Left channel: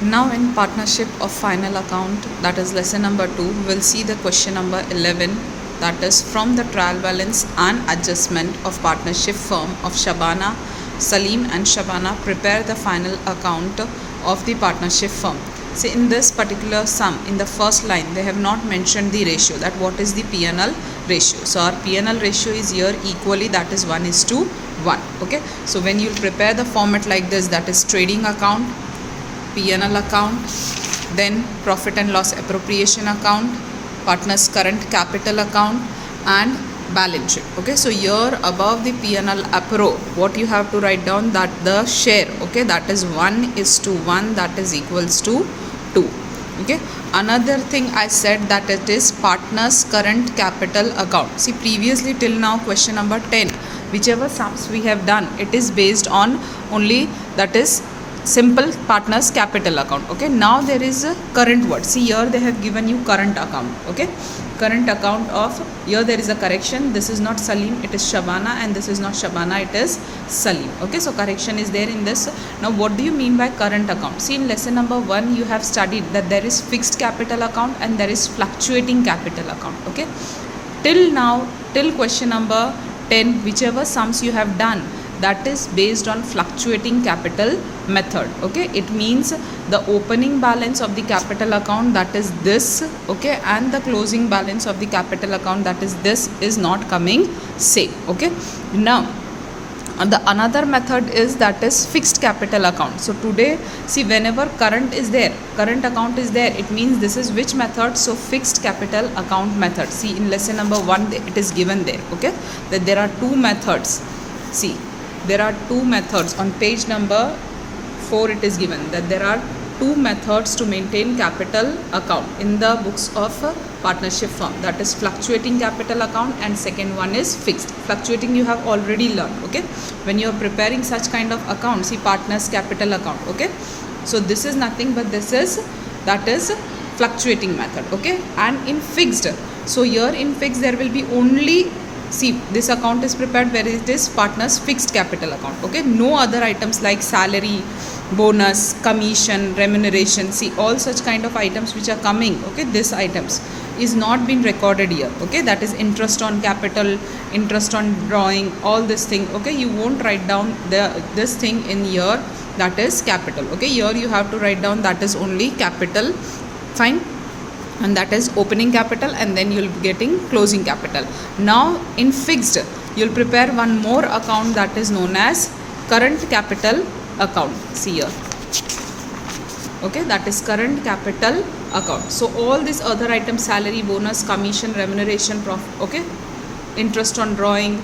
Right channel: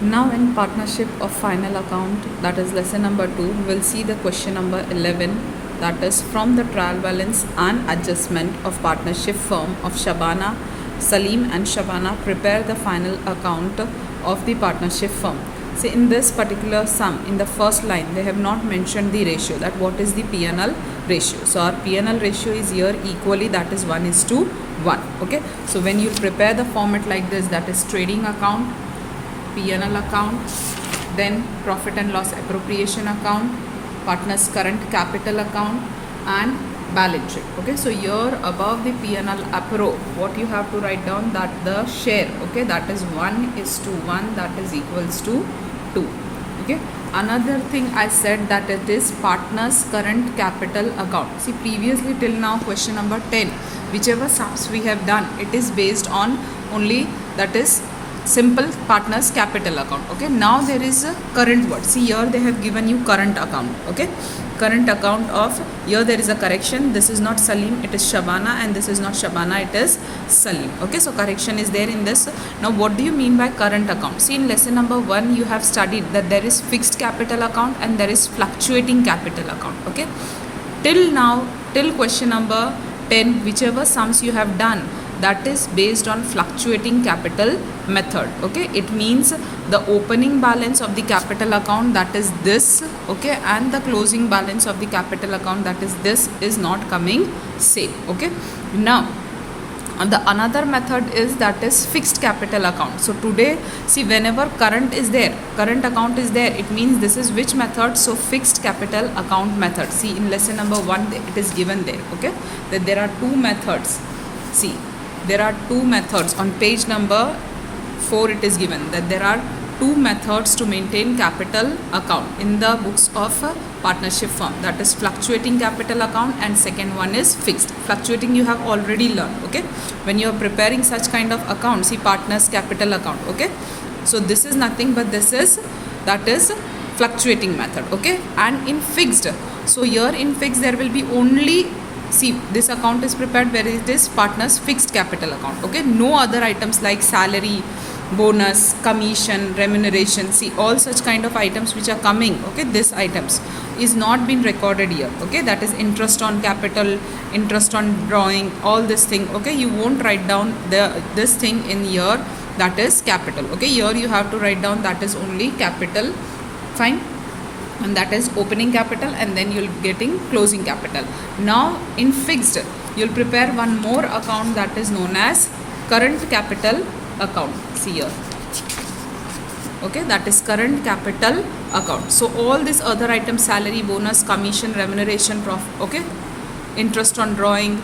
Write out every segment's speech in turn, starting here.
Now in partnership of final account, that is lesson number 2, we will see the question number 11, that is from the trial balance and adjustment of partnership firm of Shabana, Salim and Shabana prepare the final account of the partnership firm. See, in this particular sum, in the first line, they have not mentioned the ratio, that what is the P&L ratio. So our P&L ratio is here equally, that is 1:1. Okay, so when you prepare the format like this, that is trading account, P&L account, then profit and loss appropriation account, partners current capital account, and balance sheet. Okay, so here above the P&L appro, what you have to write down, that the share, okay, that is 1:1, that is equals to 2. Okay, another thing I said that it is partners current capital account. See, previously till now question number 10, whichever sums we have done, it is based on only, that is simple partners capital account. Okay, now there is a current word. See, here they have given you current account. Okay, current account of, here there is a correction, this is not Salim, it is Shabana, and this is not Shabana, it is Salim. Okay, so correction is there in this. Now what do you mean by current account? See, in lesson number 1 you have studied that there is fixed capital account and there is fluctuating capital account. Okay, till now, till question number 10, whichever sums you have done, that is based on fluctuating capital method. Okay, it means the opening balance of the capital account, that is this, okay, and the closing balance of the capital account, that is this, is not coming same. Okay, now the another method is, that is fixed capital account. So today, see, whenever current is there, current account is there, it means this is which method? So fixed capital account method. See, in lesson number 1 it is given there, okay, that there are two methods. See, there are two methods. On page number 4 it is given that there are two methods to maintain capital account in the books of partnership firm, that is fluctuating capital account, and second one is fixed. Fluctuating you have already learned. Okay, when you are preparing such kind of account, see, partners capital account. Okay, so this is nothing but this is, that is fluctuating method. Okay, and in fixed, so here in fixed there will be only, see, this account is prepared where it is partners fixed capital account. Okay, no other items like salary, bonus, commission, remuneration, see, all such kind of items which are coming, okay, this items is not been recorded here. Okay, that is interest on capital, interest on drawing, all this thing. Okay, you won't write down this thing in here, that is capital. Okay, here you have to write down that is only capital, fine, and that is opening capital, and then you'll be getting closing capital. Now in fixed you'll prepare one more account, that is known as current capital account. See here, okay, that is current capital account. So all these other items, salary, bonus, commission, remuneration, profit, okay, interest on drawing,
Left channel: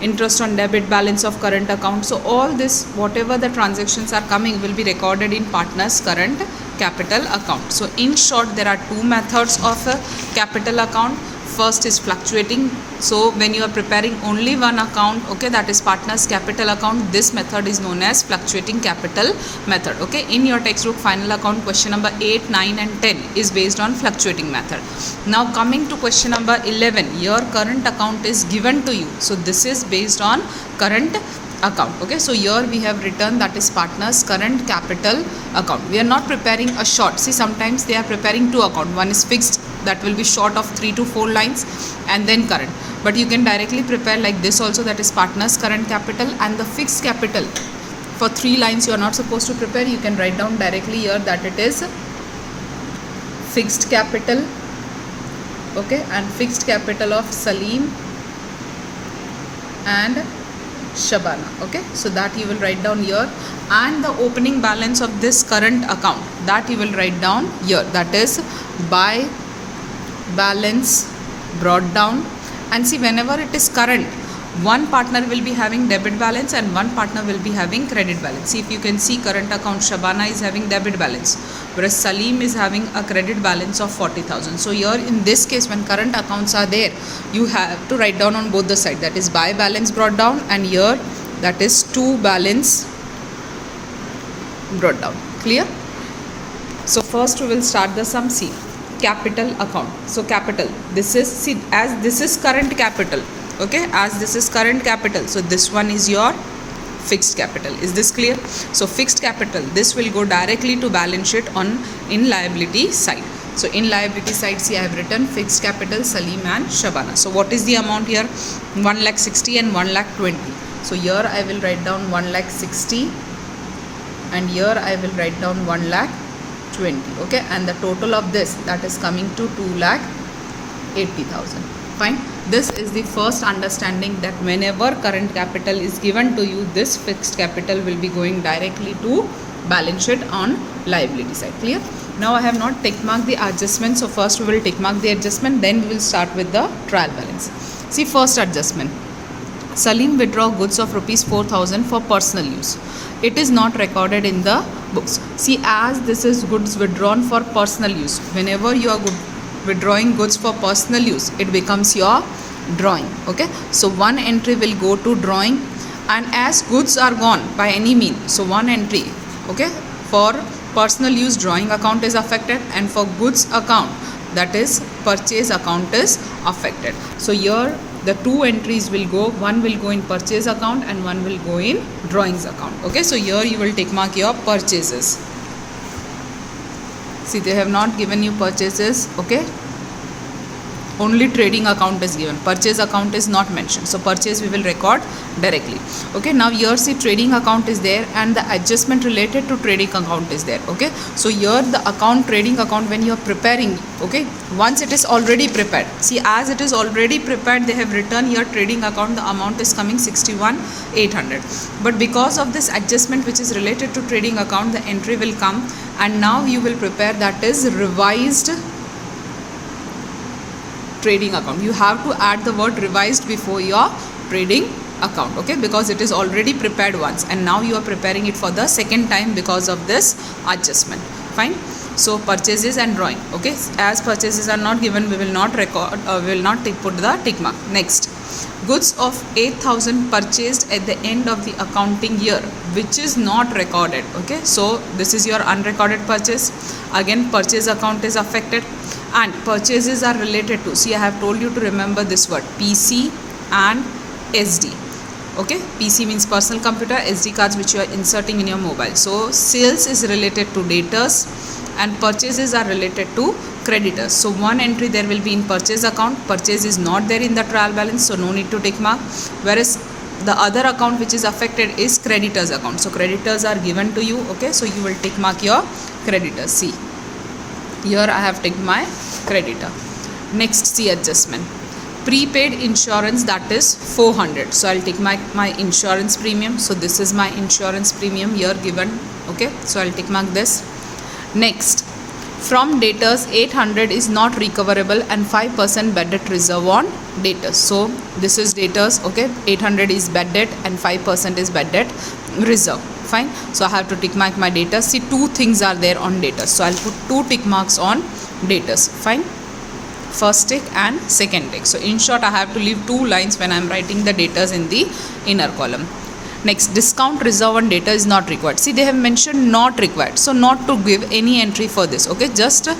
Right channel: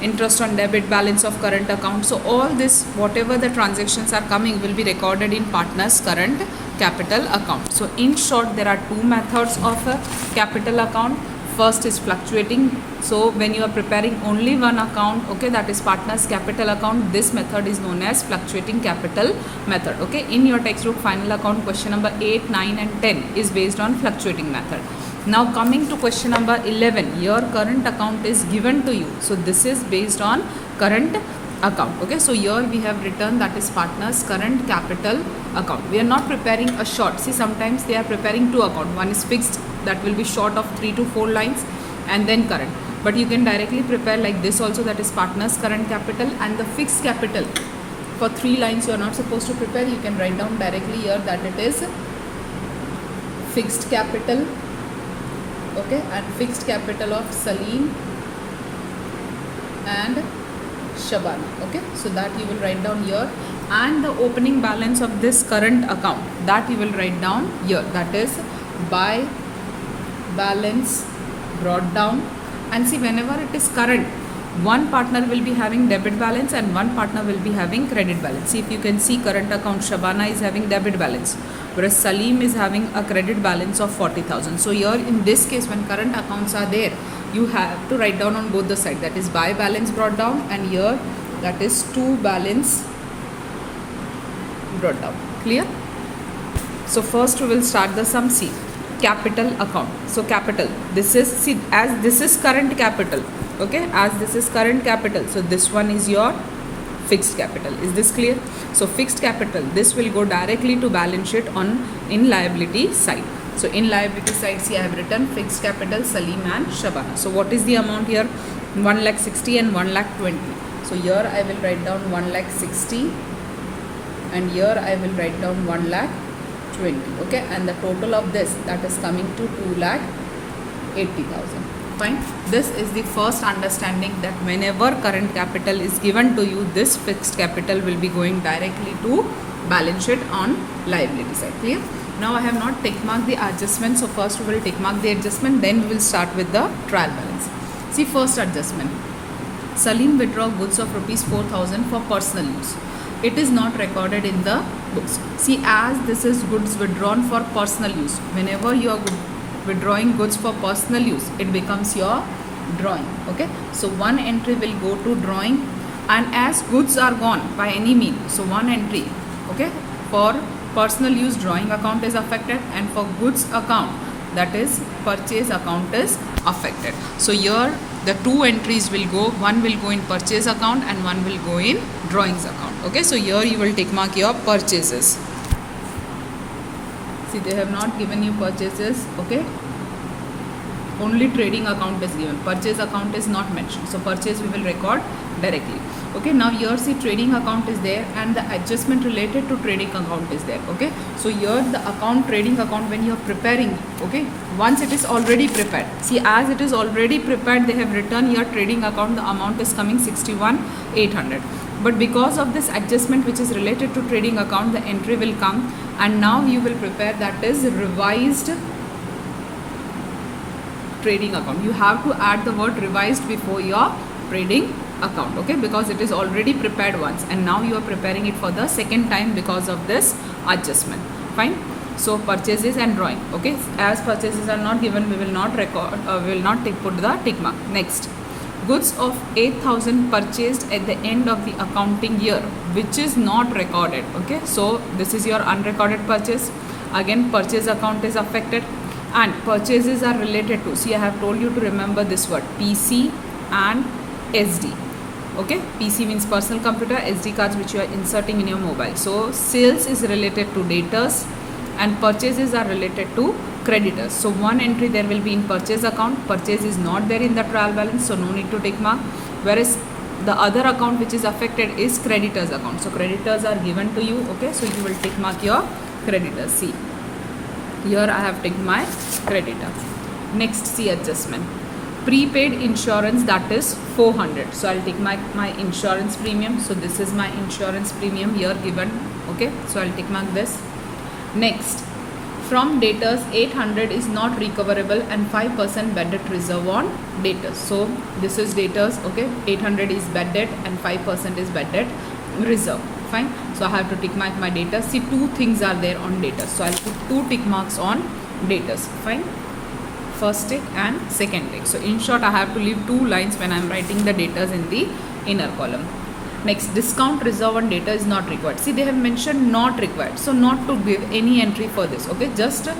interest on debit balance of current account, so all this, whatever the transactions are coming, will be recorded in partners current capital account. So in short, there are two methods of a capital account. First is fluctuating. So when you are preparing only one account, okay, that is partners capital account, this method is known as fluctuating capital method. Okay, in your textbook final account question number 8, 9 and 10 is based on fluctuating method. Now coming to question number 11, your current account is given to you, so this is based on current account. Okay, so here we have written that is partners current capital account. We are not preparing a short. See, sometimes they are preparing two account, one is fixed, that will be short of 3 to 4 lines, and then current, but you can directly prepare like this also, that is partners current capital, and the fixed capital for 3 lines you are not supposed to prepare, you can write down directly here that it is fixed capital, okay, and fixed capital of Salim and Shabana. Okay, so that you will write down here, and the opening balance of this current account, that you will write down here, that is by balance brought down. And see, whenever it is current, one partner will be having debit balance and one partner will be having credit balance. See, if you can see, current account Shabana is having debit balance, whereas Salim is having a credit balance of 40,000. So here in this case, when current accounts are there, you have to write down on both the side, that is by balance brought down, and here that is to balance brought down. Clear? So first we will start the sum. See, capital account. So capital, this is, see, as this is current capital, okay, as this is current capital, so this one is your fixed capital. Is this clear? So fixed capital, this will go directly to balance sheet in liability side. So in liability side, see I have written fixed capital Salim and Shabana. So what is the amount here? 1,60,000 and 1,20,000. So here I will write down 1,60,000 and here I will write down 1,20,000. Okay, and the total of this, that is coming to 2,80,000. Fine. This is the first understanding, that whenever current capital is given to you, this fixed capital will be going directly to balance sheet on liability side. Clear? Now I have not tick marked the adjustment. So first we will tick mark the adjustment, then we will start with the trial balance. See, first adjustment. Salim withdraw goods of rupees 4,000 for personal use. It is not recorded in the books. See, as this is goods withdrawn for personal use, whenever you are withdrawing goods for personal use, it becomes your drawing. Okay, so one entry will go to drawing, and as goods are gone by any means, so one entry, okay, for personal use drawing account is affected, and for goods account, that is purchase account, is affected. So here the two entries will go, one will go in purchase account and one will go in drawings account. Okay, so here you will tick mark your purchases. See, they have not given you purchases. Okay, only trading account is given, purchase account is not mentioned. So purchase we will record directly. Okay, now here see trading account is there and the adjustment related to trading account is there. Okay, so here the account, trading account, when you are preparing, okay, once it is already prepared, see as it is already prepared, they have written here trading account, the amount is coming 61,800, but because of this adjustment which is related to trading account, the entry will come, and now you will prepare, that is revised trading account. You have to add the word revised before your trading account, okay, because it is already prepared once and now you are preparing it for the second time because of this adjustment. Fine. So purchases and drawing. Okay, as purchases are not given, we will not record, will not put the tick mark. Next, goods of 8,000 purchased at the end of the accounting year, which is not recorded. Okay, so this is your unrecorded purchase. Again, purchase account is affected, and purchases are related to, see I have told you to remember this word, PC and SD. Okay, PC means personal computer, SD cards which you are inserting in your mobile. So sales is related to debtors and purchases are related to creditors. So one entry there will be in purchase account, purchase is not there in the trial balance, so no need to tick mark. Whereas the other account which is affected is creditors account. So creditors are given to you. Okay, so you will tick mark your creditors. See, here I have ticked my creditor. Next, see adjustment. Prepaid insurance, that is 400. So I'll take my insurance premium. So this is my insurance premium here given. Okay, so I'll tick mark this. Next, from debtors 800 is not recoverable and 5% bad debt reserve on debtors. So this is debtors. Okay, 800 is bad debt and 5% is bad debt reserve. Fine. So I have to tick mark my debtors. See, two things are there on debtors. So I'll put two tick marks on debtors. Fine. First tick and second tick. So in short, I have to leave two lines when I am writing the debtors in the inner column. Next, discount reserve on debtor is not required. See, they have mentioned not required. So not to give any entry for this. Okay, just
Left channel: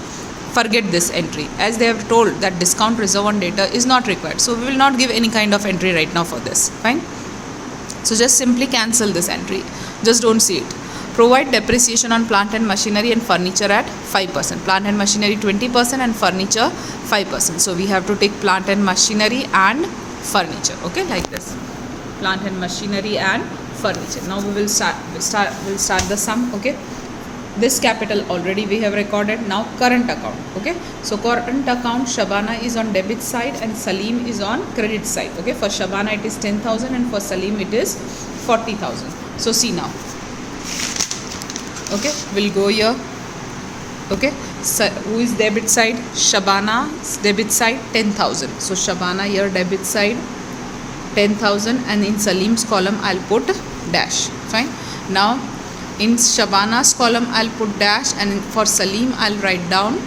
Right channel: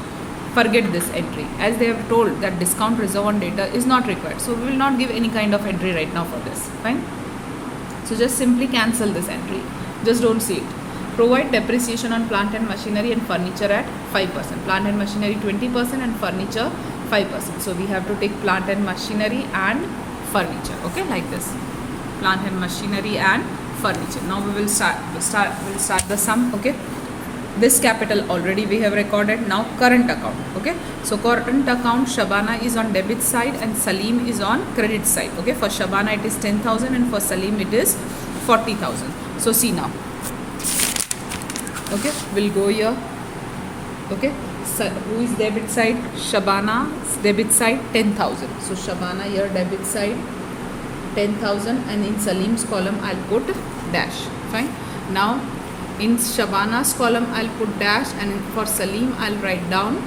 forget this entry, as they have told that discount reserve on debtor is not required. So we will not give any kind of entry right now for this. Fine. So just simply cancel this entry. Just don't see it. Provide depreciation on plant and machinery and furniture at 5%. Plant and machinery 20% and furniture 5%. So we have to take plant and machinery and furniture. Okay, like this. Plant and machinery and furniture. Now we will start the sum. Okay. This capital already we have recorded. Now current account. Okay. So current account, Shabana is on debit side and Salim is on credit side. Okay. For Shabana it is 10,000 and for Salim it is 40,000. So see now. Okay, we'll go here. Okay, so who is debit side? Shabana's debit side 10,000. So Shabana here debit side 10,000 and in Salim's column I'll put dash. Fine. Now in Shabana's column I'll put dash and for Salim I'll write down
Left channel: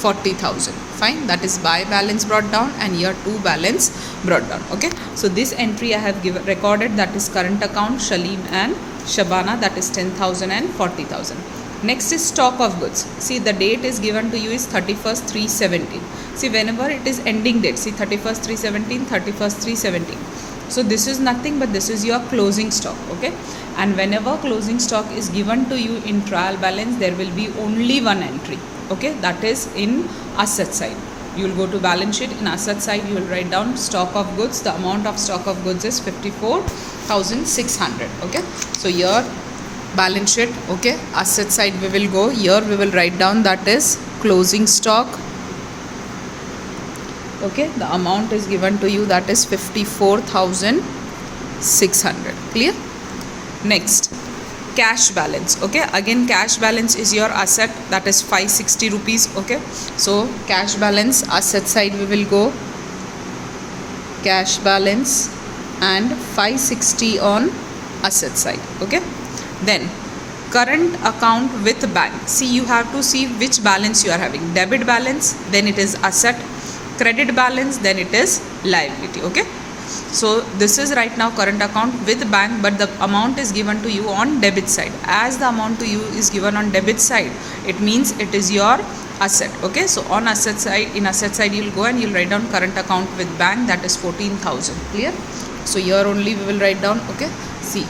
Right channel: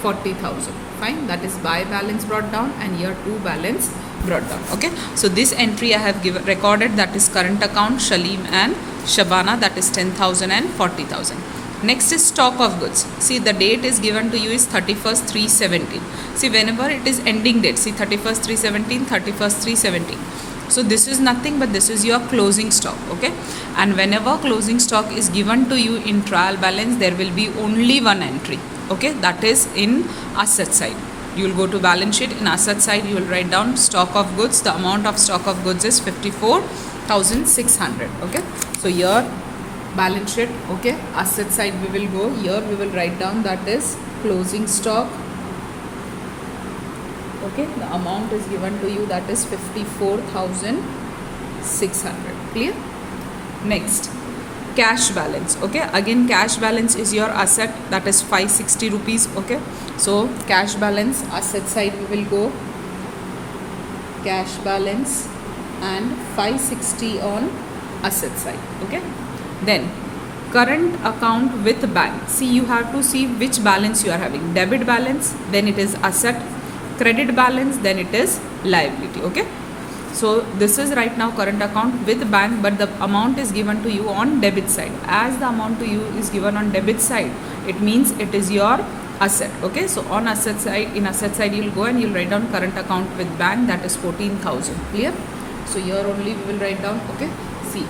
40,000. Fine. That is by balance brought down and here to balance brought down. Okay. So this entry I have recorded, that is current account, Salim and Shabana, that is 10,000 and 40,000. Next is stock of goods. See, the date is given to you is 31st 3/17. See, whenever it is ending date, see 31st 3/17, 31st 3/17. So this is nothing but this is your closing stock, okay? And whenever closing stock is given to you in trial balance, there will be only one entry, okay? That is in asset side. You will go to balance sheet. In asset side, you will write down stock of goods. The amount of stock of goods is 54,600, okay? So here balance sheet, okay? Asset side we will go. Here we will write down that is closing stock, okay? The amount is given to you, that is 54,600. Clear? Next, cash balance, okay? Again, cash balance is your asset, that is 560 rupees, okay? So cash balance, asset side we will go, cash balance and 560 on asset side, okay? Then current account with bank. See, you have to see which balance you are having. Debit balance, then it is asset. Credit balance, then it is liability, okay? So this is right now current account with bank, but the amount is given to you on debit side. As the amount to you is given on debit side, it means it is your asset, okay? So on asset side, in asset side you will go and you will write down current account with bank, that is 14,000. Clear? So here only we will write down, okay? See,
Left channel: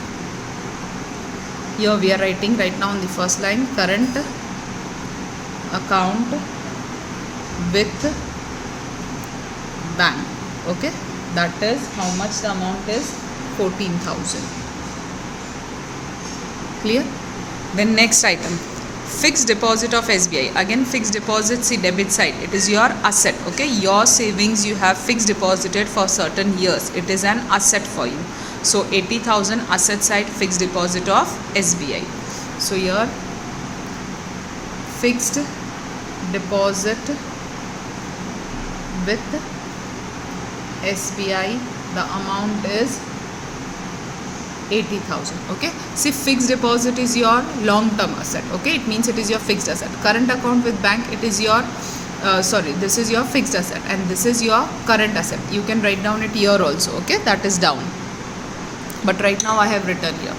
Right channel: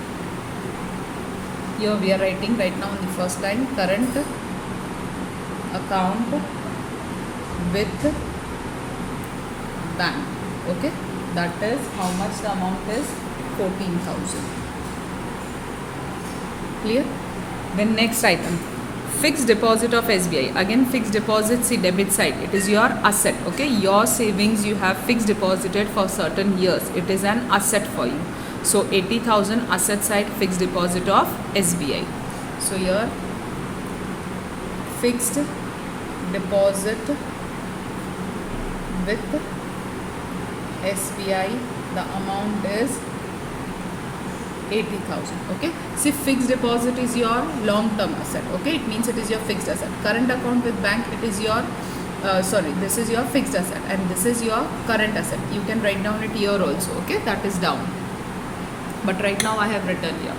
here we are writing right now on the first line, current account with bank, okay? That is how much the amount is, 14,000. Clear? Then next item, fixed deposit of SBI. Again, fixed deposit, see debit side, it is your asset, okay? Your savings you have fixed deposited for certain years, it is an asset for you. So 80,000 asset side, fixed deposit of SBI. So here fixed deposit with SBI, the amount is 80,000, okay? See, fixed deposit is your long term asset, okay? It means it is your fixed asset. Current account with bank, it is your this is your fixed asset and this is your current asset. You can write down it here also, okay? That is down, but right now I have written here.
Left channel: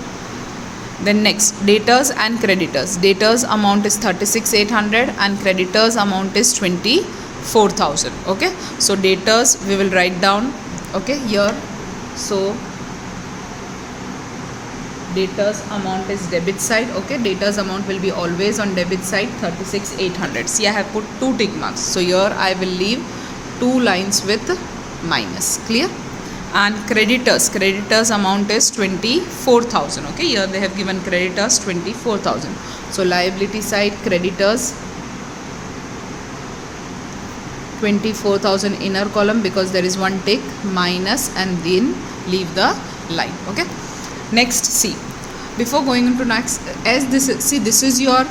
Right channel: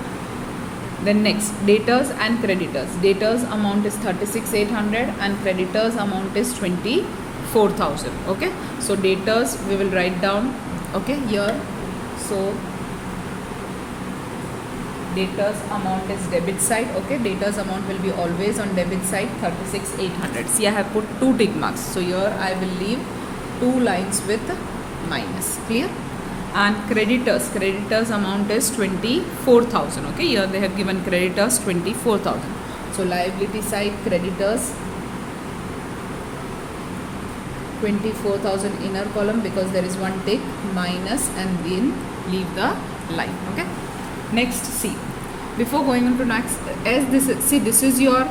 Then next, debtors and creditors. Debtors amount is 36,800 and creditors amount is 24,000, okay? So debtors we will write down, okay, here. So debtors amount is debit side, okay? Debtors amount will be always on debit side, 36,800. See, I have put 2 tick marks, so here I will leave 2 lines with minus. Clear? And creditors amount is 24,000, okay? Here they have given creditors 24,000. So liability side, creditors 24,000 inner column, because there is one tick, minus, and then leave the line, okay? Next, see, before going into next, as this is, see, this is your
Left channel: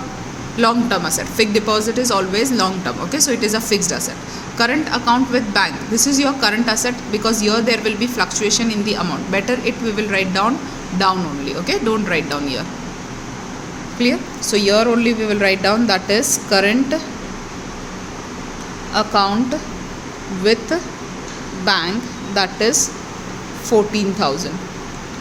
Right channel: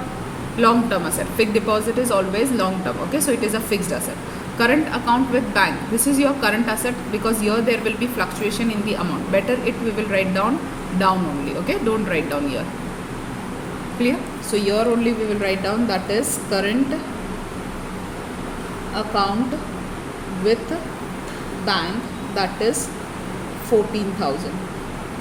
long term asset. Fixed deposit is always long term, okay? So it is a fixed asset. Current account with bank, this is your current asset, because here there will be fluctuation in the amount. Better it we will write down only, okay? Don't write down here. Clear? So here only we will write down, that is current account with bank, that is 14,000.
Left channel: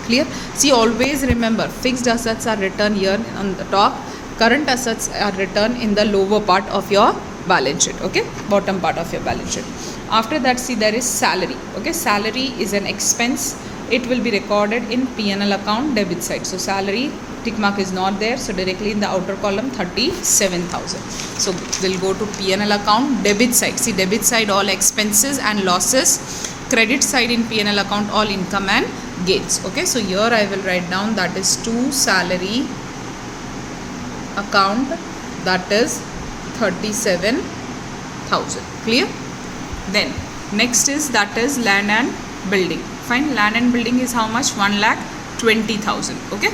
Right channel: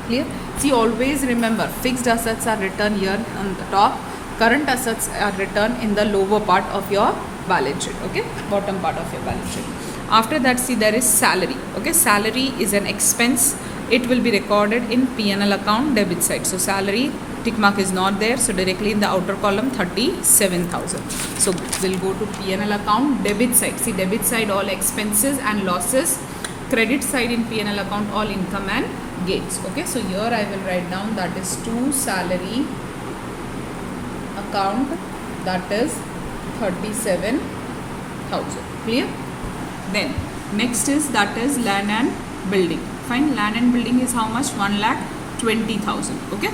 Clear? See, always remember, fixed assets are written here on the top, current assets are written in the lower part of your balance sheet, okay? Bottom part of your balance sheet. After that, see, there is salary, okay? Salary is an expense. It will be recorded in P&L account debit side. So salary tick mark is not there, so directly in the outer column 37,000. So we'll go to P&L account debit side. See, debit side all expenses and losses, credit side in P&L account all income and gains, okay? So here I will write down, that is to salary account, that is 37,000. Clear? Then next is, that is land and building. Fine, land and building is how much? 1,20,000, okay?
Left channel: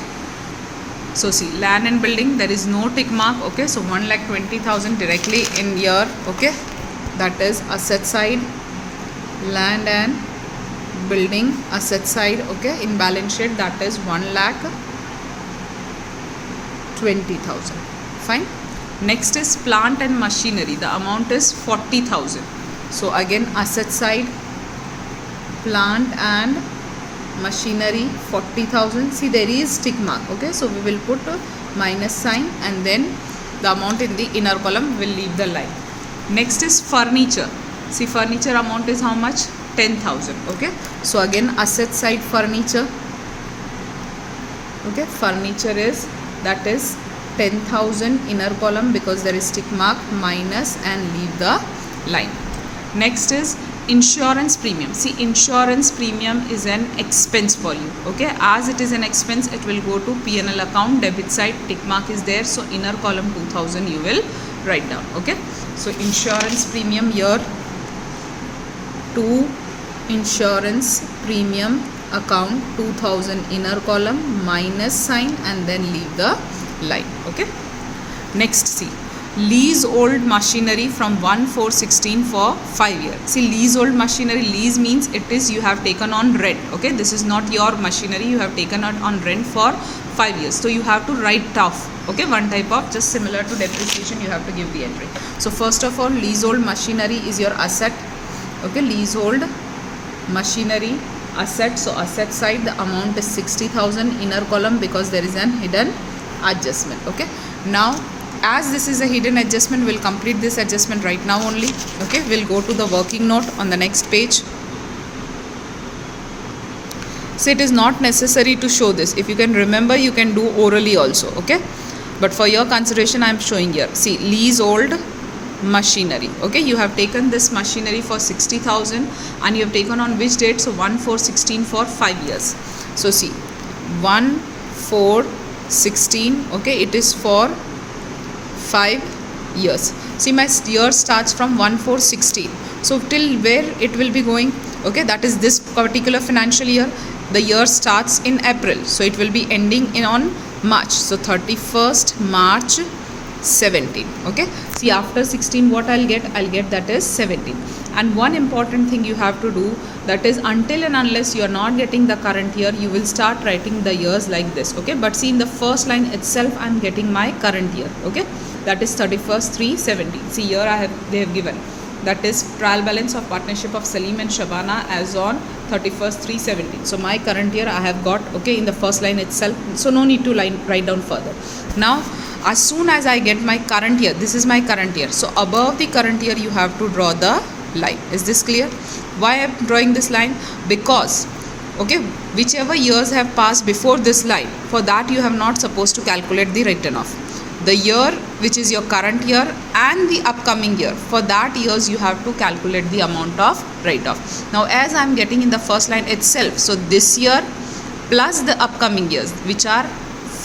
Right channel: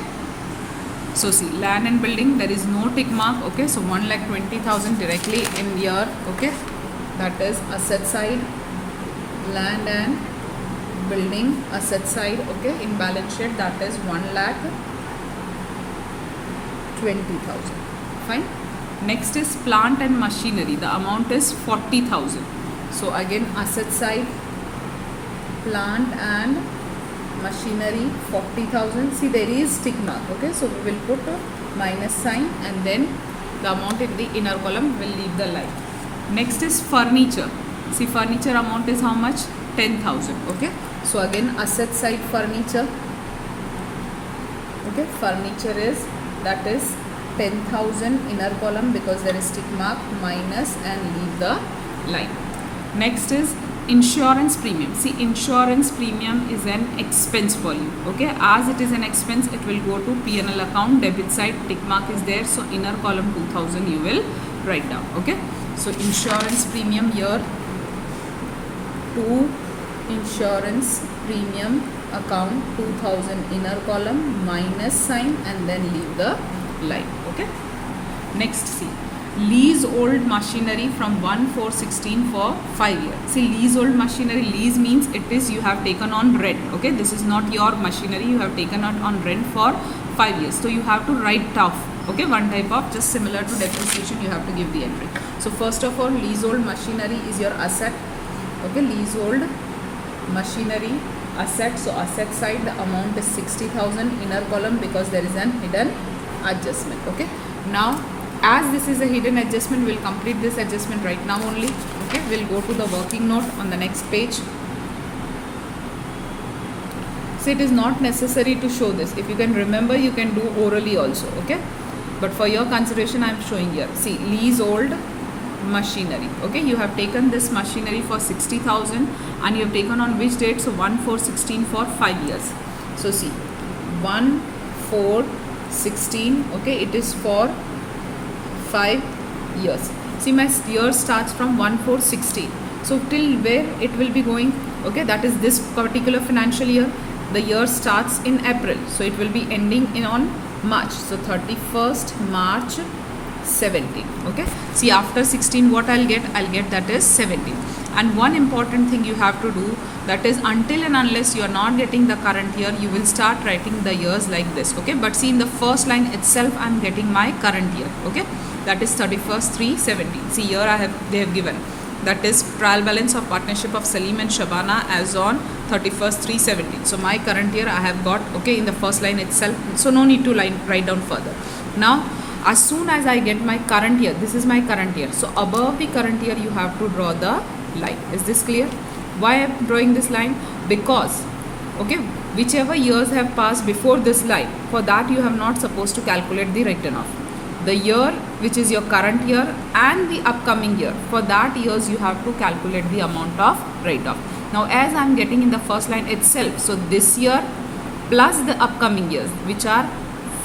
So see, land and building, there is no tick mark, okay? So 1,20,000 directly in here, okay? That is asset side, land and building, asset side, okay? In balance sheet, that is 1,20,000. Fine. Next is plant and machinery. The amount is 40,000. So again, asset side, plant and machinery, 40,000. See, there is tick mark, okay? So we will put a minus sign, and then the amount in the inner column will leave the line. Next is furniture. See, furniture amount is how much? 10,000, okay? So again, asset side furniture. Okay, furniture is, that is 10,000, inner column because there is tick mark, minus and leave the line. Next is insurance premium. See, insurance premium is an expense for you. Okay, as it is an expense, it will go to P&L account, debit side, tick mark is there, so inner column 2000 you will write down. Okay, so insurance premium here, to insurance premium account 2000, inner column, minus sign and then leave the line. Okay, next, see, leasehold machinery from 1/4/16 for 5 years. See, leasehold machinery, lease means it is you have taken on rent. Okay, this is not your machinery, you have taken it on rent for 5 years, so you have to write off. Okay, one type of, just similar to depreciation, you have to give the entry. So first of all, leasehold machinery is your asset. Okay, leasehold machinery asset, so asset side the amount is 60,000, inner column because there is an hidden adjustment. Okay, now as this is a hidden adjustment, we'll complete this adjustment right now only. Okay, we'll go to the working note on the next page. So it is not necessary to show this. If you can remember, you can do orally also. Okay, but for your consideration I am showing here. See, leasehold machinery. Okay, you have taken this machinery for 60,000 and you have taken on which date? So 1/4/16 for 5 years. So see, 1/4/16. Okay, it is for 5 years. See, my year starts from 1/4/16. So till where it will be going? Okay, that is this particular financial year. The year starts in April, so it will be ending in on March. So 31st March 17. Okay, see, after 16 what I'll get that is 17. And one important thing you have to do, that is until and unless you are not getting the current year, you will start writing the years like this. Okay, but see, in the first line itself I am getting my current year. Okay, that is 31st/3/17. See, here they have given, that is trial balance of partnership of Salim and Shabana as on 31st/3/17. So my current year I have got, okay, in the first line itself, so no need to write down further. Now as soon as I get my current year, this is my current year, so above the current year you have to draw the line. Is this clear? Why I am drawing this line? Because, okay, whichever years have passed before this line, for that you have not supposed to calculate the written off. The year which is your current year and the upcoming year, for that years you have to calculate the amount of write off. Now as I am getting in the first line itself, so this year plus the upcoming years, which are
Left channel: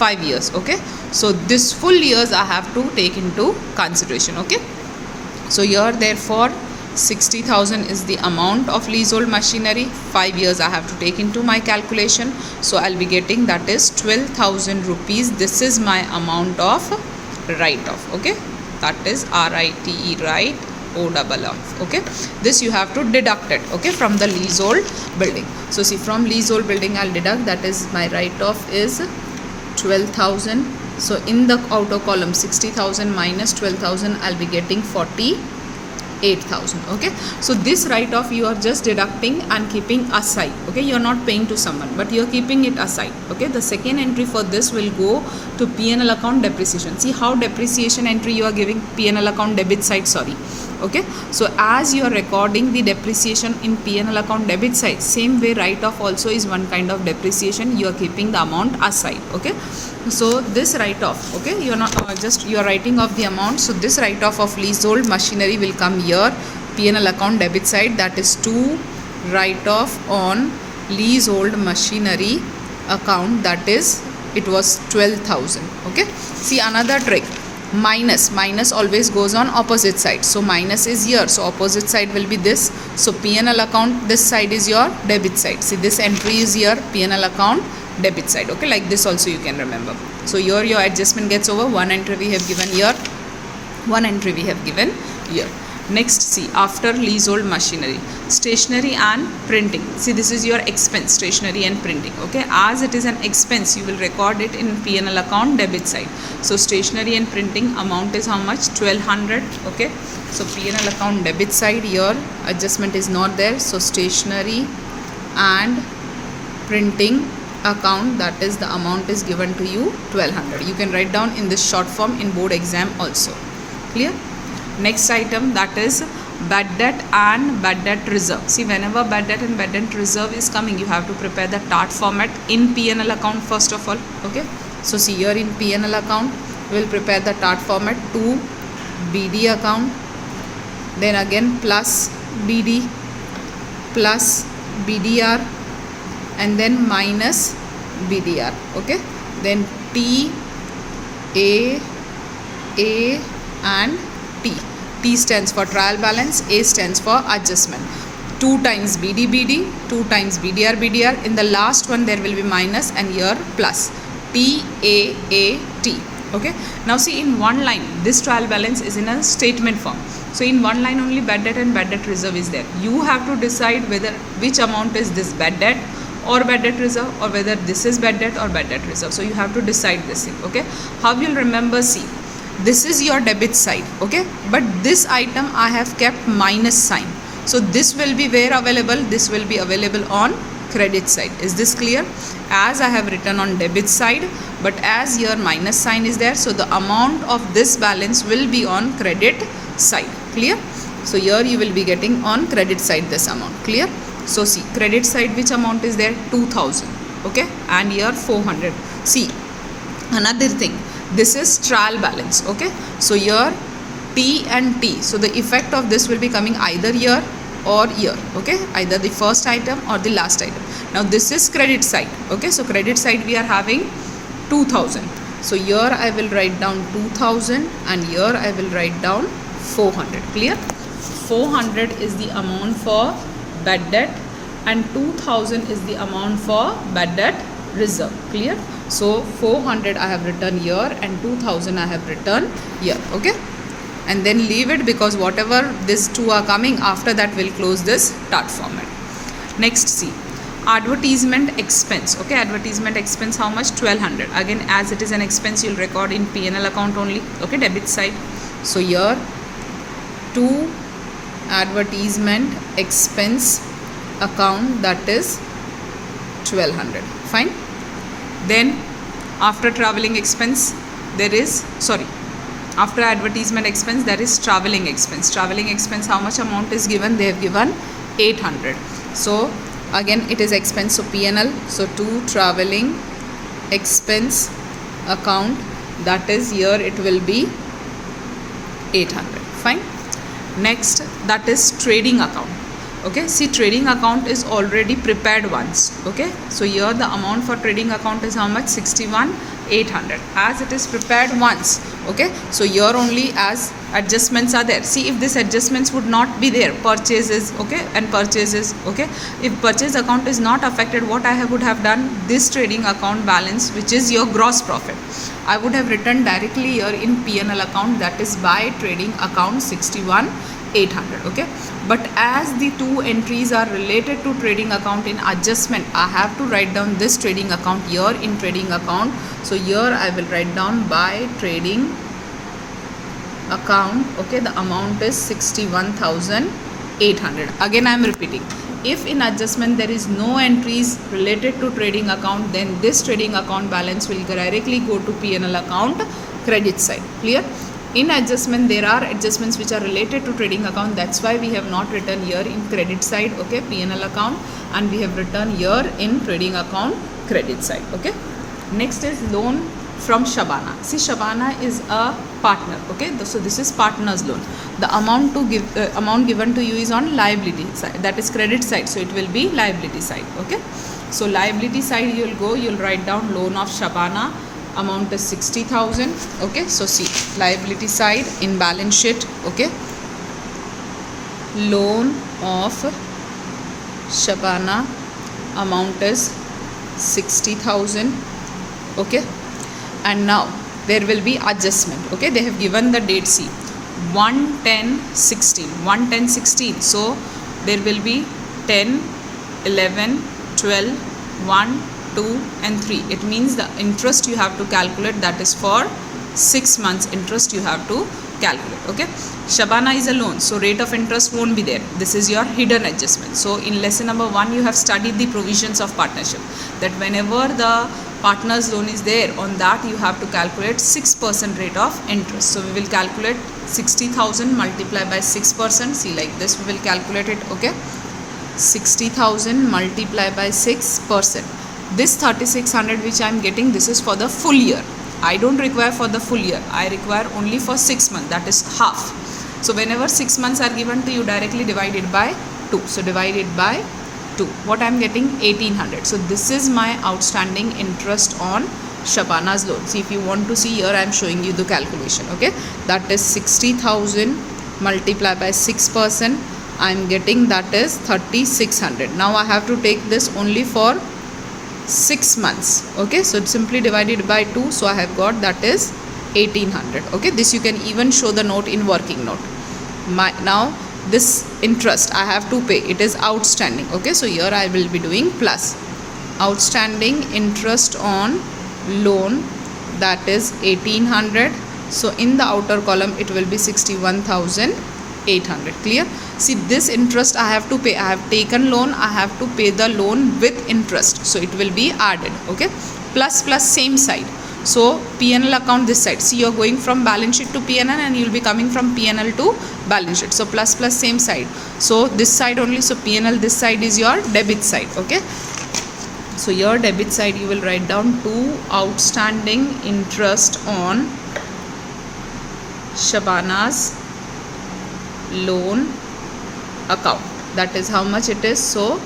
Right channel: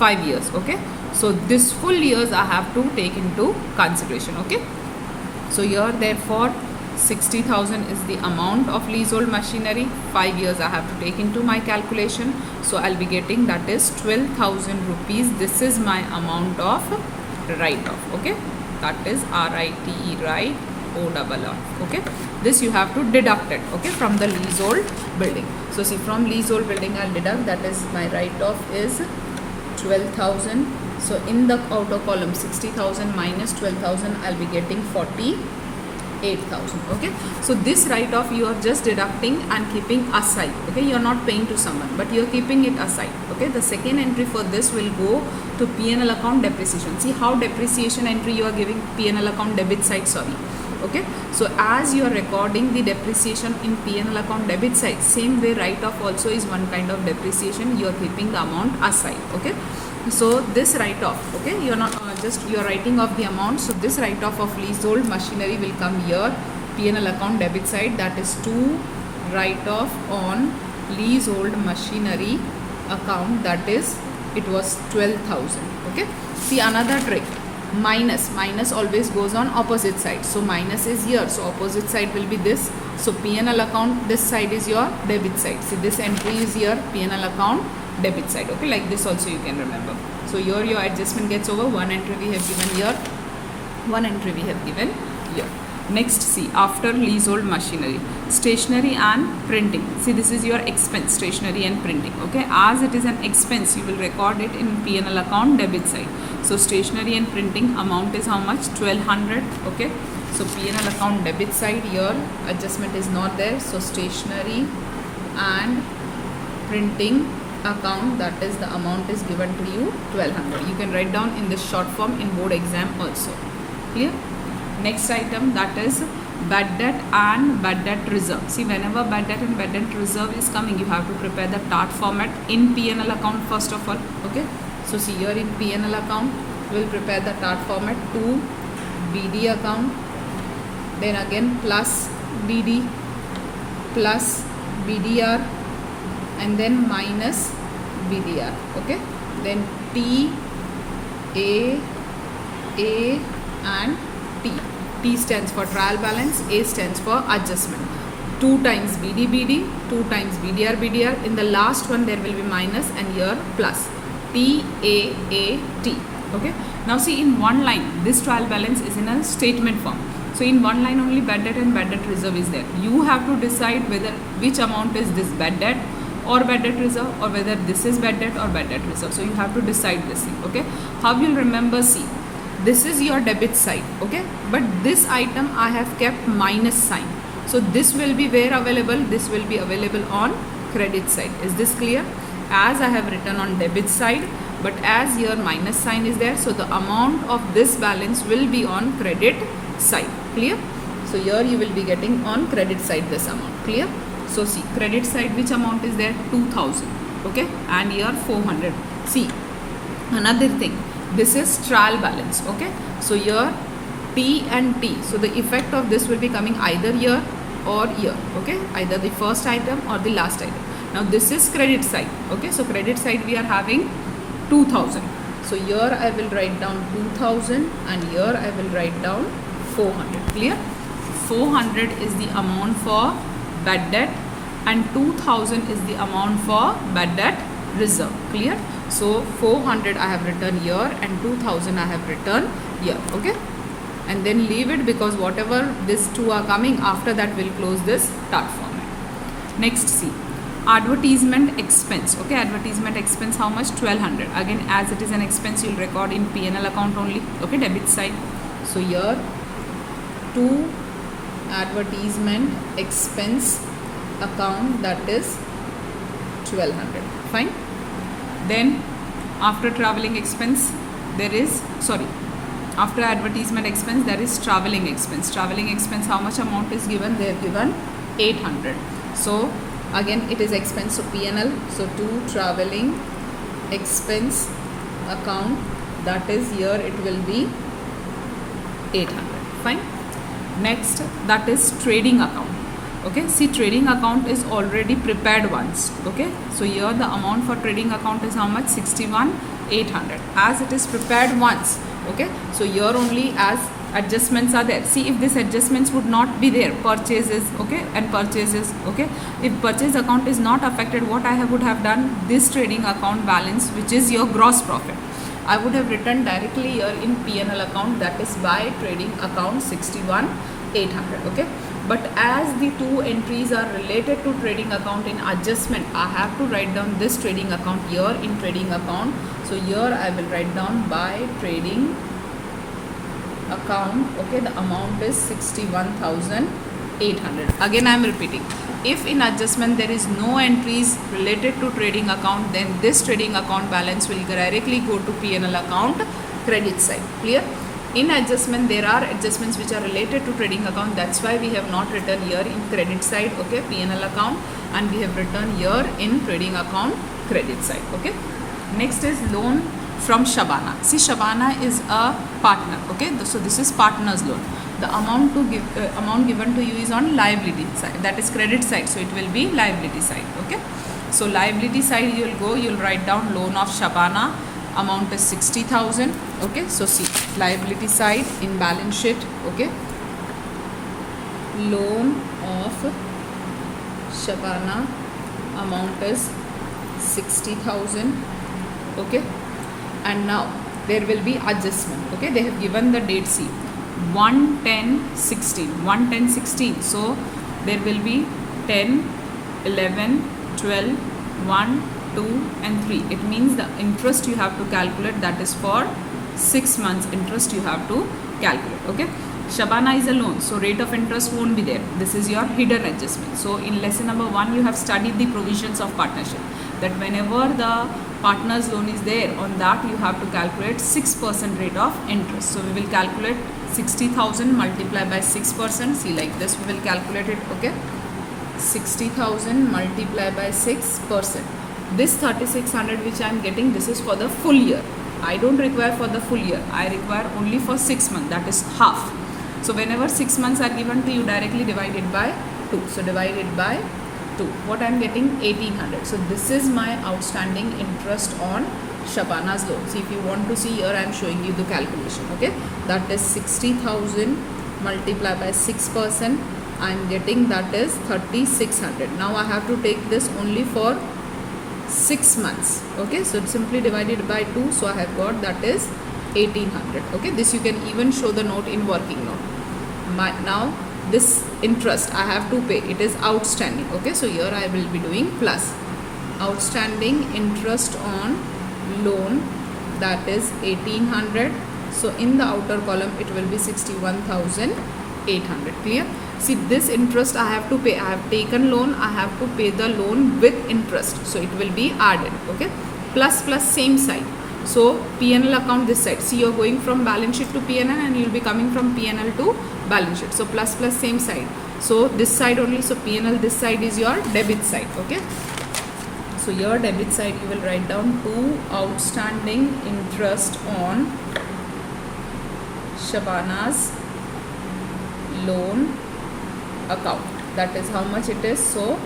5 years. Okay, so this full years I have to take into consideration. Okay, so here therefore 60,000 is the amount of leasehold machinery. 5 years I have to take into my calculation, so I'll be getting, that is 12,000 rupees. This is my amount of write off. Okay, that is RITE, write OFF. Okay, this you have to deduct it, okay, from the leasehold building. So see, from leasehold building I'll deduct, that is my write off is 12,000. So in the outer column 60,000 minus 12,000, I'll be getting 48,000. Okay, so this write off you are just deducting and keeping aside. Okay, you are not paying to someone, but you are keeping it aside. Okay, the second entry for this will go to P&L account depreciation. See how depreciation entry you are giving, P&L account debit side, sorry. Okay, so as you are recording the depreciation in P&L account debit side, same way write off also is one kind of depreciation. You are keeping the amount aside. Okay, so this write off, okay, you are not just you are writing off the amount. So this write off of leasehold machinery will come here, P&L account debit side, that is to write off on leasehold machinery account, that is it was 12,000. Okay, see another trick, minus always goes on opposite side. So minus is here, so opposite side will be this. So P&L account, this side is your debit side. See, this entry is here, P&L account debit side. Okay, like this also you can remember. So here your adjustment gets over. One entry we have given here, one entry we have given here. Next, see, after leasehold machinery, stationery and printing. See, this is your expense, stationery and printing. Okay, as it is an expense, you will record it in P&L account debit side. So stationery and printing amount is how much? 1200. Okay, so P&L account debit side, here adjustment is not there. So stationery and printing account, that is the amount is given to you 1200. You can write down in this short form in board exam also. Clear? Next item, that is bad debt and bad debt reserve. See, whenever bad debt and bad debt reserve is coming, you have to prepare the TART format in P&L account first of all. Okay, so see here in P&L account we will prepare the TART format to BD account, then again plus BD plus BDR and then minus BDR. Okay, then T, A and T. T stands for trial balance, A stands for adjustment. 2 times BD, 2 times BDR. In the last one there will be minus and here plus. T, A, T. Okay. Now see, in one line this trial balance is in a statement form. So in one line only bad debt and bad debt reserve is there. You have to decide whether which amount is this bad debt or bad debt reserve, or whether this is bad debt or bad debt reserve. So you have to decide this thing. Okay. How you'll remember? See, this is your debit side. Okay, but this item I have kept minus sign. So this will be where available? This will be available on credit side. Is this clear? As I have written on debit side, but as here minus sign is there, so the amount of this balance will be on credit side. Clear? So here you will be getting on credit side this amount. Clear? So see, credit side which amount is there? 2000. Okay, and here 400. See, another thing, this is trial balance. Okay, so here T and T, so the effect of this will be coming either here or here. Okay, either the first item or the last item. Now this is credit side. Okay, so credit side we are having 2000. So here I will write down 2000 and here I will write down 400. Clear? 400 is the amount for bad debt and 2000 is the amount for bad debt reserve. Clear? So 400 I have written here and 2000 I have written here. Okay, and then leave it, because whatever these two are coming after that will close this TART format. Next, see, advertisement expense. Okay, advertisement expense how much? 1200. Again, as it is an expense, you'll record in P&L account only. Okay, debit side. So here to advertisement expense account, that is 1200. Fine. Then after traveling expense there is, after advertisement expense there is traveling expense. Traveling expense, how much amount is given? They have given 800. So again it is expense, so P&L. So to traveling expense account, that is here it will be 800. Fine. Next, that is trading account. Okay, see, trading account is already prepared once. Okay, so here the amount for trading account is how much? 61,800, as it is prepared once. Okay, so here only as adjustments are there. See, if these adjustments would not be there, purchases, okay, and purchases, okay, if purchase account is not affected, what I would have done, this trading account balance, which is your gross profit, I would have written directly here in P&L account, that is by trading account 61,800. Okay, but as the two entries are related to trading account in adjustment, I have to write down this trading account here in trading account. So here I will write down by trading account. Okay, the amount is 61,800. Again I am repeating, if in adjustment there is no entries related to trading account, then this trading account balance will directly go to P&L account credit side. Clear? In adjustment there are adjustments which are related to trading account, that's why we have not written here in credit side, okay, P&L account, and we have written here in trading account credit side. Okay, next is loan from Shabana. See, Shabana is a partner. Okay, so this is partner's loan. The amount given to you is on liability side, that is credit side, so it will be liability side. Okay, so liability side you'll write down loan of Shabana, amount is 60,000. Okay, so see, liability side in balance sheet. Okay, loan of Shabana, amount is 60,000. Okay, and now there will be adjustment. Okay, they have given the date, see, 1/10/16, so there will be 10, 11, 12, 1, 2 and 3. It means the interest you have to calculate, that is for 6 months interest you have to calculate. Okay, Shabana is a loan, so rate of interest won't be there. This is your hidden adjustment. So in lesson number 1 you have studied the provisions of partnership, that whenever the partner's loan is there, on that you have to calculate 6% rate of interest. So we will calculate 60,000 multiplied by 6%. See, like this we will calculate it. Okay, 60,000 multiplied by 6%. This 3600 which I am getting, this is for the full year. I don't require for the full year, I require only for 6 months, that is half. So whenever 6 months are given to you, directly divide it by 2. So divide it by 2. What I am getting? 1800. So this is my outstanding interest on Shabana's loan. See, if you want to see, here I am showing you the calculation. Okay, that is 60,000 multiplied by 6%. I am getting, that is 3600. Now I have to take this only for 6 months. Okay, so simply divide it by 2. So I have got, that is 1800. Okay, this you can even show the note in working note. Now this interest I have to pay, it is outstanding. Okay, so here I will be doing plus outstanding interest on loan, that is 1800. So in the outer column it will be 61,800. Clear? See, this interest I have to pay. I have taken loan, I have to pay the loan with interest, so it will be added. Okay, plus plus same side. So P&L account this side. See, you're going from balance sheet to P&L and you'll be coming from P&L to balance sheet. So plus plus same side. So this side only. So P&L, this side is your debit side. Okay, so your debit side you will write down to outstanding interest on Shabana's loan account. That is how much it is. So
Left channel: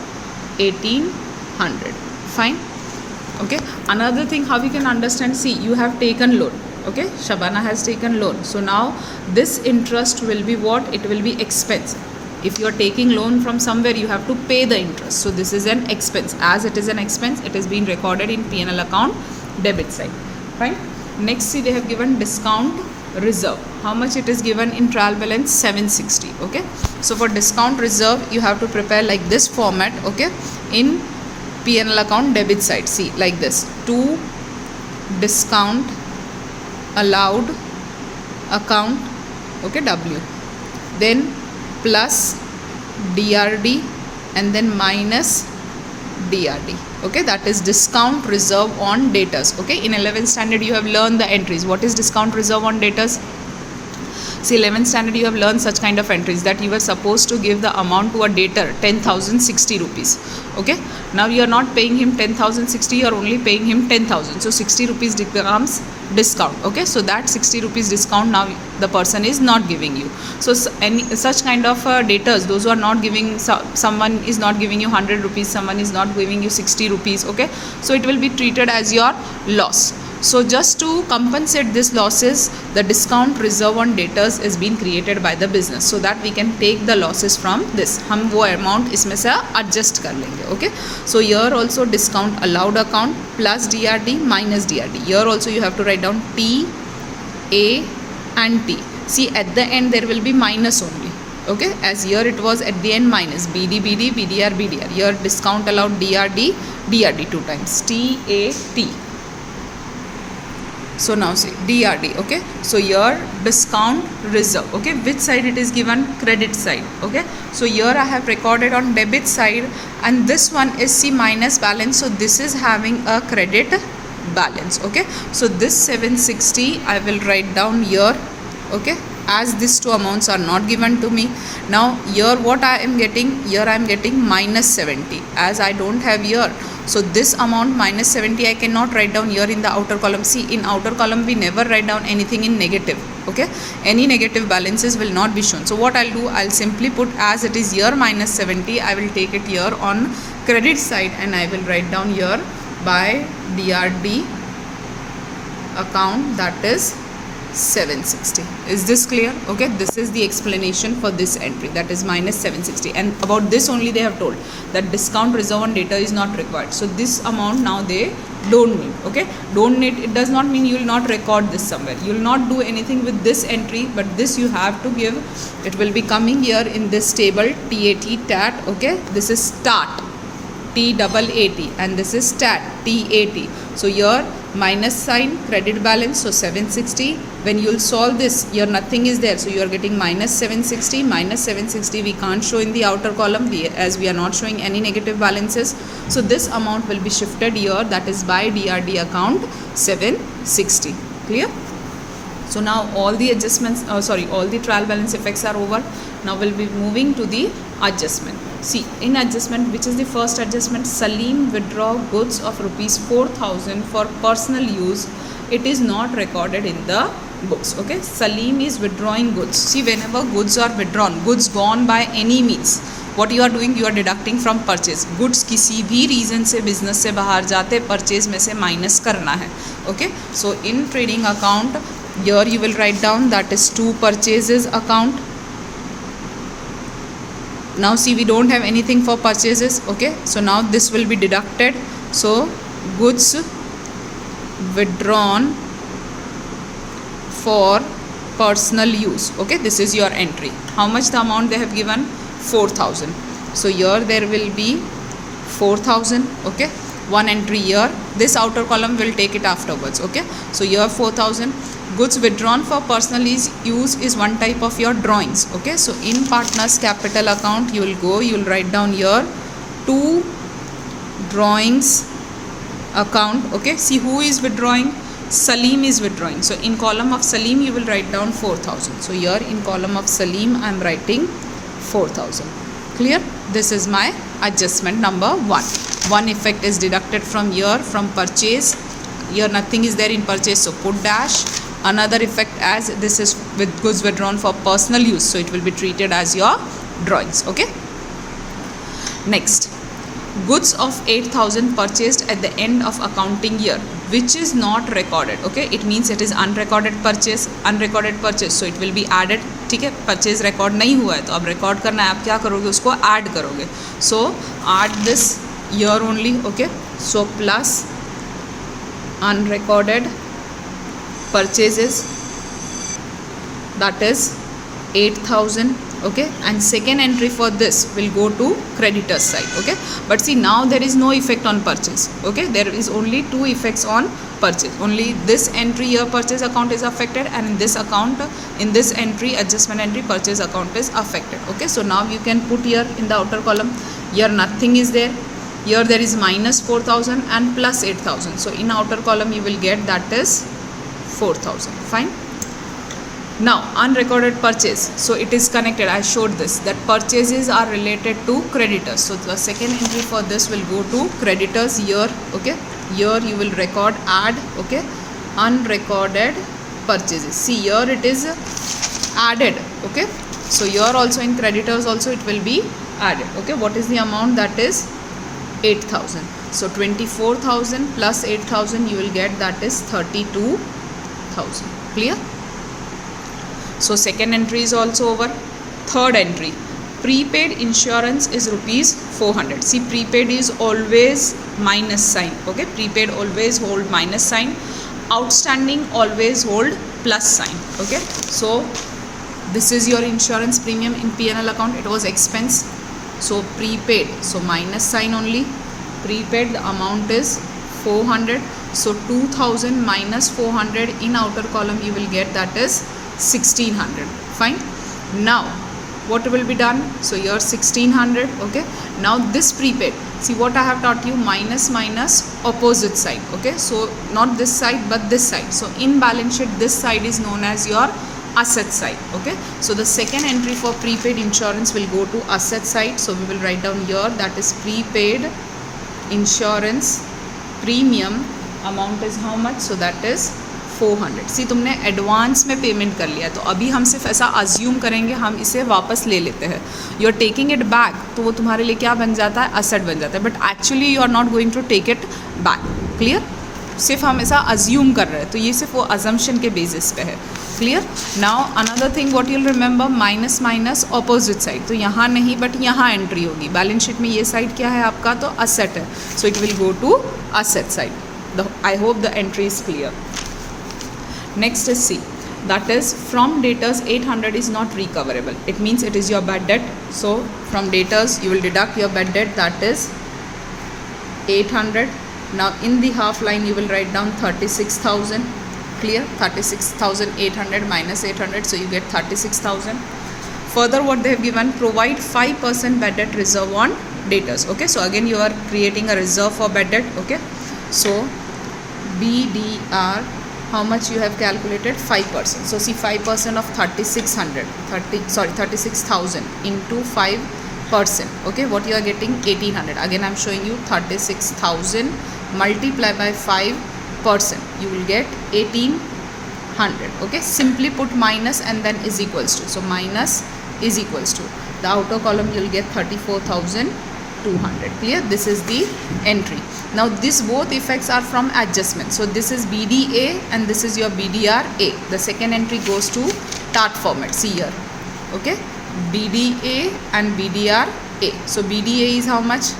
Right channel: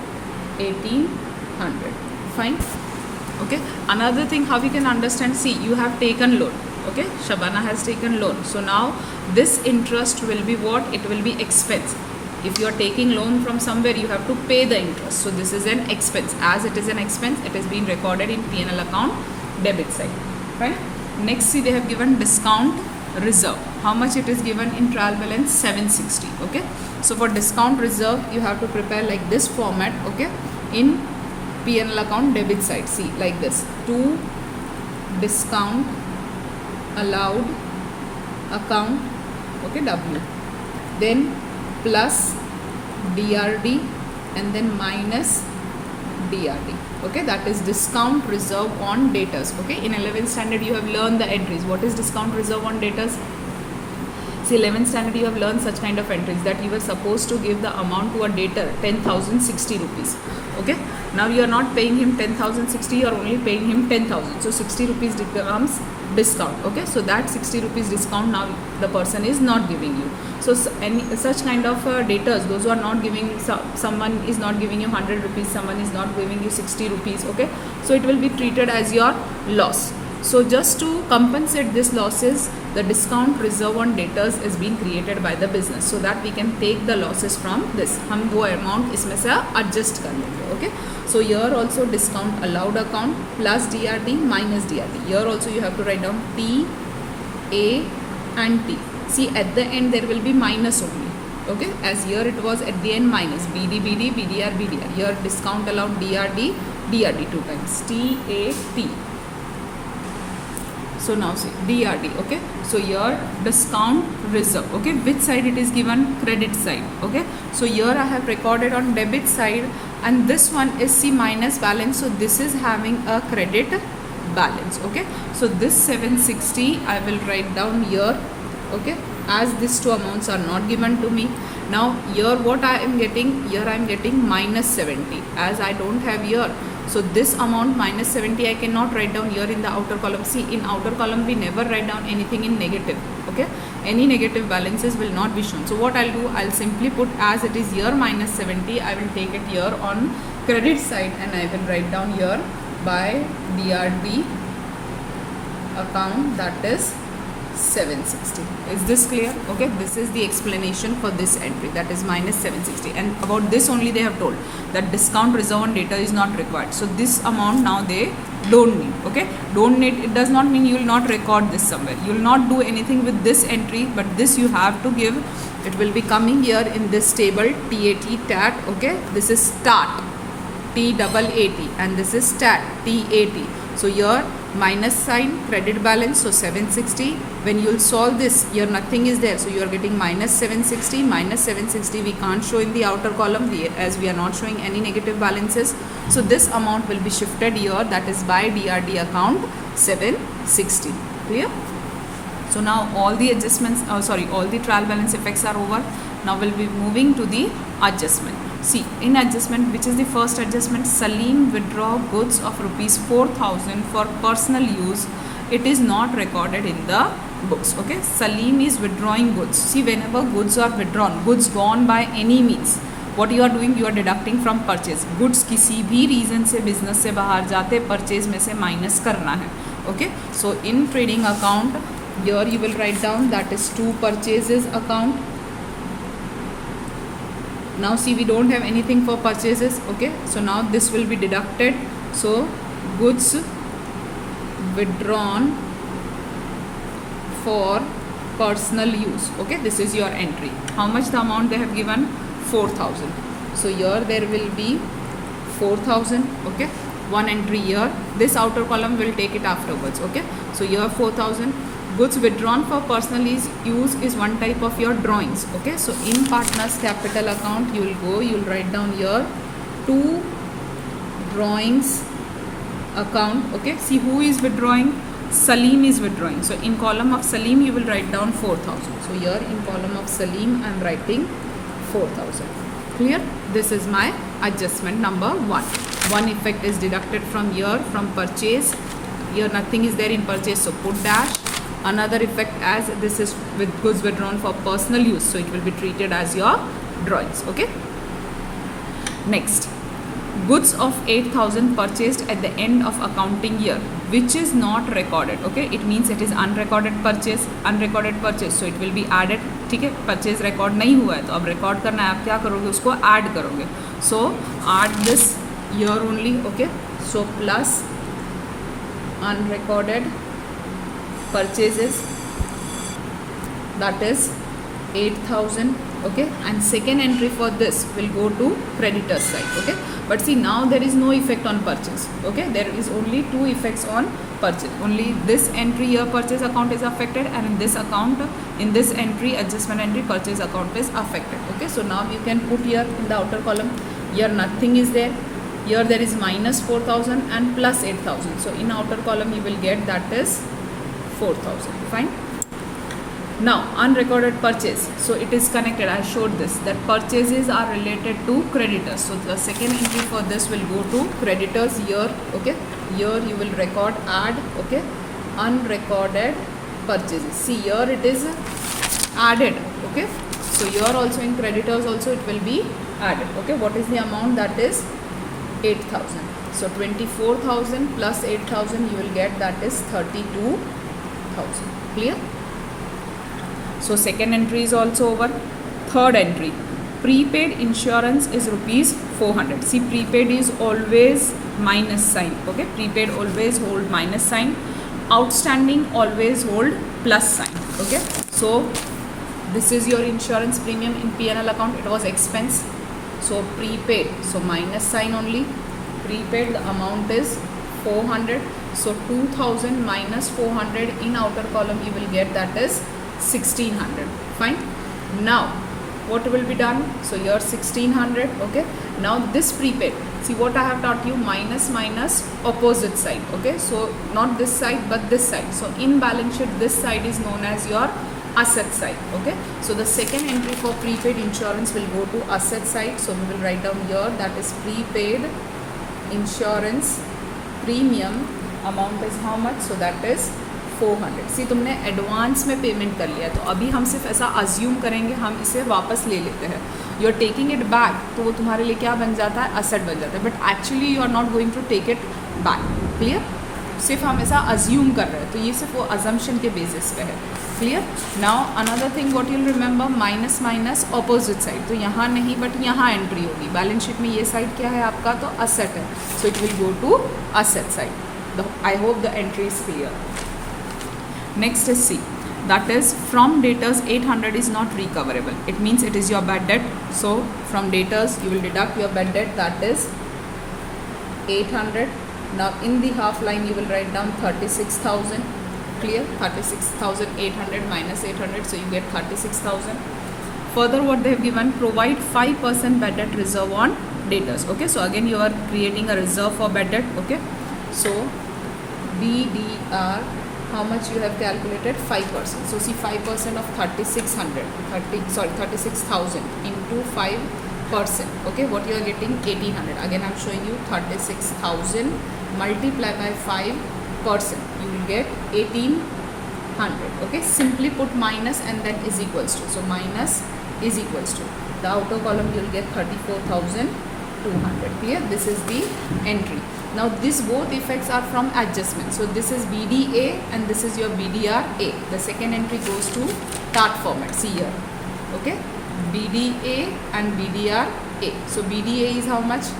1800. Fine. Okay, another thing how we can understand, see, you have taken loan. Okay, Shabana has taken loan. So now this interest will be what? It will be expense. If you are taking loan from somewhere, you have to pay the interest. So this is an expense. As it is an expense, it is being recorded in P&L account debit side. Fine. Next, see, they have given discount reserve. How much it is given in trial balance? 760. Okay, so for discount reserve you have to prepare like this format. Okay, in P&L account debit side, see, like this: to discount allowed account, okay, W, then plus DRD, and then minus DRD. Okay, that is discount reserve on debtors. Okay, in 11th standard you have learned the entries. What is discount reserve on debtors? See, 11th standard you have learned such kind of entries, that you were supposed to give the amount to a debtor 10,060 rupees. Okay, now you are not paying him 10,060, you are only paying him 10,000. So 60 rupees becomes discount. Okay, so that 60 rupees discount now the person is not giving you. So any such kind of debtors, those who are not giving, someone is not giving you 100 rupees, someone is not giving you 60 rupees. Okay, so it will be treated as your loss. So just to compensate this losses, the discount reserve on debtors is being created by the business, so that we can take the losses from this. हम वो amount इसमें से adjust कर लेंगे. Okay, so here also discount allowed account plus DRD minus DRD. Here also you have to write down T, A and T. See, at the end there will be minus only. Okay, as here it was at the end minus BD, BD, BDR, BDR. Here discount allowed DRD, DRD 2 times T, A, T. So now see DRD. Okay, so here discount reserve. Okay, which side it is given? Credit side. Okay, so here I have recorded on debit side, and this one is C minus balance, so this is having a credit balance. Okay, so this 760 I will write down here. Okay, as these two amounts are not given to me. Now here what I am getting? Here I am getting minus 70, as I don't have here. So this amount minus 70 I cannot write down here in the outer column. See, in outer column we never write down anything in negative. Okay, any negative balances will not be shown. So what I'll do, I'll simply put as it is here minus 70, I will take it here on credit side, and I will write down here by DRD account, that is 760. Is this clear? Okay, this is the explanation for this entry, that is minus 760, and about this only they have told that discount reserve on debtor is not required. So this amount now they don't need. Okay, don't need, it does not mean you will not record this somewhere, you will not do anything with this entry, but this you have to give. It will be coming here in this table, TAT. Okay, this is start, TAAT, and this is stat, TAT. So here minus sign, credit balance, so 760. When you'll solve this, here nothing is there, so you are getting minus 760. Minus 760 we can't show in the outer column as we are not showing any negative balances, so this amount will be shifted here, that is by DRD account 760. Clear? So now all the adjustments, all the trial balance effects are over. Now we'll be moving to the adjustment. See, in adjustment, which is the first adjustment, Salim withdraw goods of rupees 4,000 for personal use. It is not recorded in the books. Okay, Salim is withdrawing goods. See, whenever goods are withdrawn, goods gone by any means, what you are doing, you are deducting from purchase. Goods किसी भी reason से business से बाहर जाते, purchase में से minus करना है. Okay, so in trading account, here you will write down that is to purchases account. Now see, we don't have anything for purchases. Okay, so now this will be deducted. So goods withdrawn for personal use. Okay, this is your entry. How much the amount they have given? 4,000. So here there will be 4,000. Okay, one entry here. This outer column will take it afterwards. Okay, so here 4,000. Goods withdrawn for personal use is one type of your drawings. Okay, so in partners capital account, you will go, you will write down here to drawings account. Okay, see who is withdrawing? Salim is withdrawing. So in column of Salim, you will write down 4,000. So here in column of Salim, I am writing 4,000. Clear? This is my adjustment number 1. One effect is deducted from here, from purchase. Here nothing is there in purchase, so put dash. Another effect, as this is with goods withdrawn for personal use, so it will be treated as your drawings. Okay. Next, goods of 8,000 purchased at the end of accounting year, which is not recorded. Okay, it means it is unrecorded purchase. Unrecorded purchase, so it will be added. ठीक है, purchase record नहीं हुआ है तो अब record करना है, आप क्या करोगे, उसको ऐड करोगे. सो add this year only. Okay, so plus unrecorded purchases, that is 8,000. Okay, and second entry for this will go to creditors side. Okay, but see, now there is no effect on purchase. Okay, there is only two effects on purchase. Only this entry here, purchase account, is affected, and in this account, in this entry, adjustment entry, purchase account is affected. Okay, so now you can put here in the outer column, here nothing is there. Here there is minus 4,000 and plus 8,000. So in outer column you will get that is 4,000. Fine. Now unrecorded purchase. So it is connected. I showed this, that purchases are related to creditors. So the second entry for this will go to creditors here. Okay. Here you will record add. Okay. Unrecorded purchases. See, here it is added. Okay. So here also in creditors also it will be added. Okay. What is the amount? That is 8,000. So 24,000 plus 8,000 you will get, that is 32,000. Clear? So second entry is also over. Third entry, prepaid insurance is rupees 400. See, prepaid is always minus sign. Okay, prepaid always hold minus sign. Outstanding always hold plus sign. Okay, so this is your insurance premium in P&L account. It was expense. So prepaid, so minus sign only. Prepaid, the amount is 400. So 2,000 minus 400 in outer column you will get, that is 1,600. Fine. Now what will be done? So here 1,600. Okay. Now this prepaid, see what I have taught you, minus minus opposite side. Okay. So not this side but this side. So in balance sheet this side is known as your asset side. Okay, so the second entry for prepaid insurance will go to asset side. So we will write down here, that is prepaid insurance premium amount is how much? So that is 400. सी तुमने advance में payment कर लिया, तो अभी हम सिर्फ ऐसा assume करेंगे, हम इसे वापस ले लेते हैं. You are taking it back, तो वो तुम्हारे लिए क्या बन जाता है? असेट बन जाता है. But actually you are not going to take it back. Clear? सिर्फ हम ऐसा अज्यूम कर रहे हैं, तो ये सिर्फ वो अजम्पशन के बेसिस पे है. Clear? Now another thing what you'll remember, minus minus opposite side. तो यहाँ नहीं बट यहाँ एंट्री होगी. बैलेंस शीट में ये साइड क्या है आपका? तो असेट है. So it will go to asset side. I hope the entry is clear. Next is C, that is from debtors 800 is not recoverable. It means it is your bad debt. So from debtors you will deduct your bad debt, that is 800. Now in the half line you will write down 36,000. Clear? 36,800 minus 800, so you get 36,000. Further, what they have given, provide 5% bad debt reserve on debtors. Okay, so again you are creating a reserve for bad debt. Okay, so BDR, how much you have calculated? 5%. So see, 5% of 36,000 into 5%. Okay, what you are getting? 1,800. Again I am showing you 36,000 multiply by 5%, you will get 1,800. Okay, simply put minus and then is equals to, so minus is equals to, the outer column you will get 34,200. Clear? This is the entry. Now this both effects are from adjustment, so this is BDA and this is your BDRA. The second entry goes to TAT format. See here. Okay, BDA and BDRA. So BDA is how much?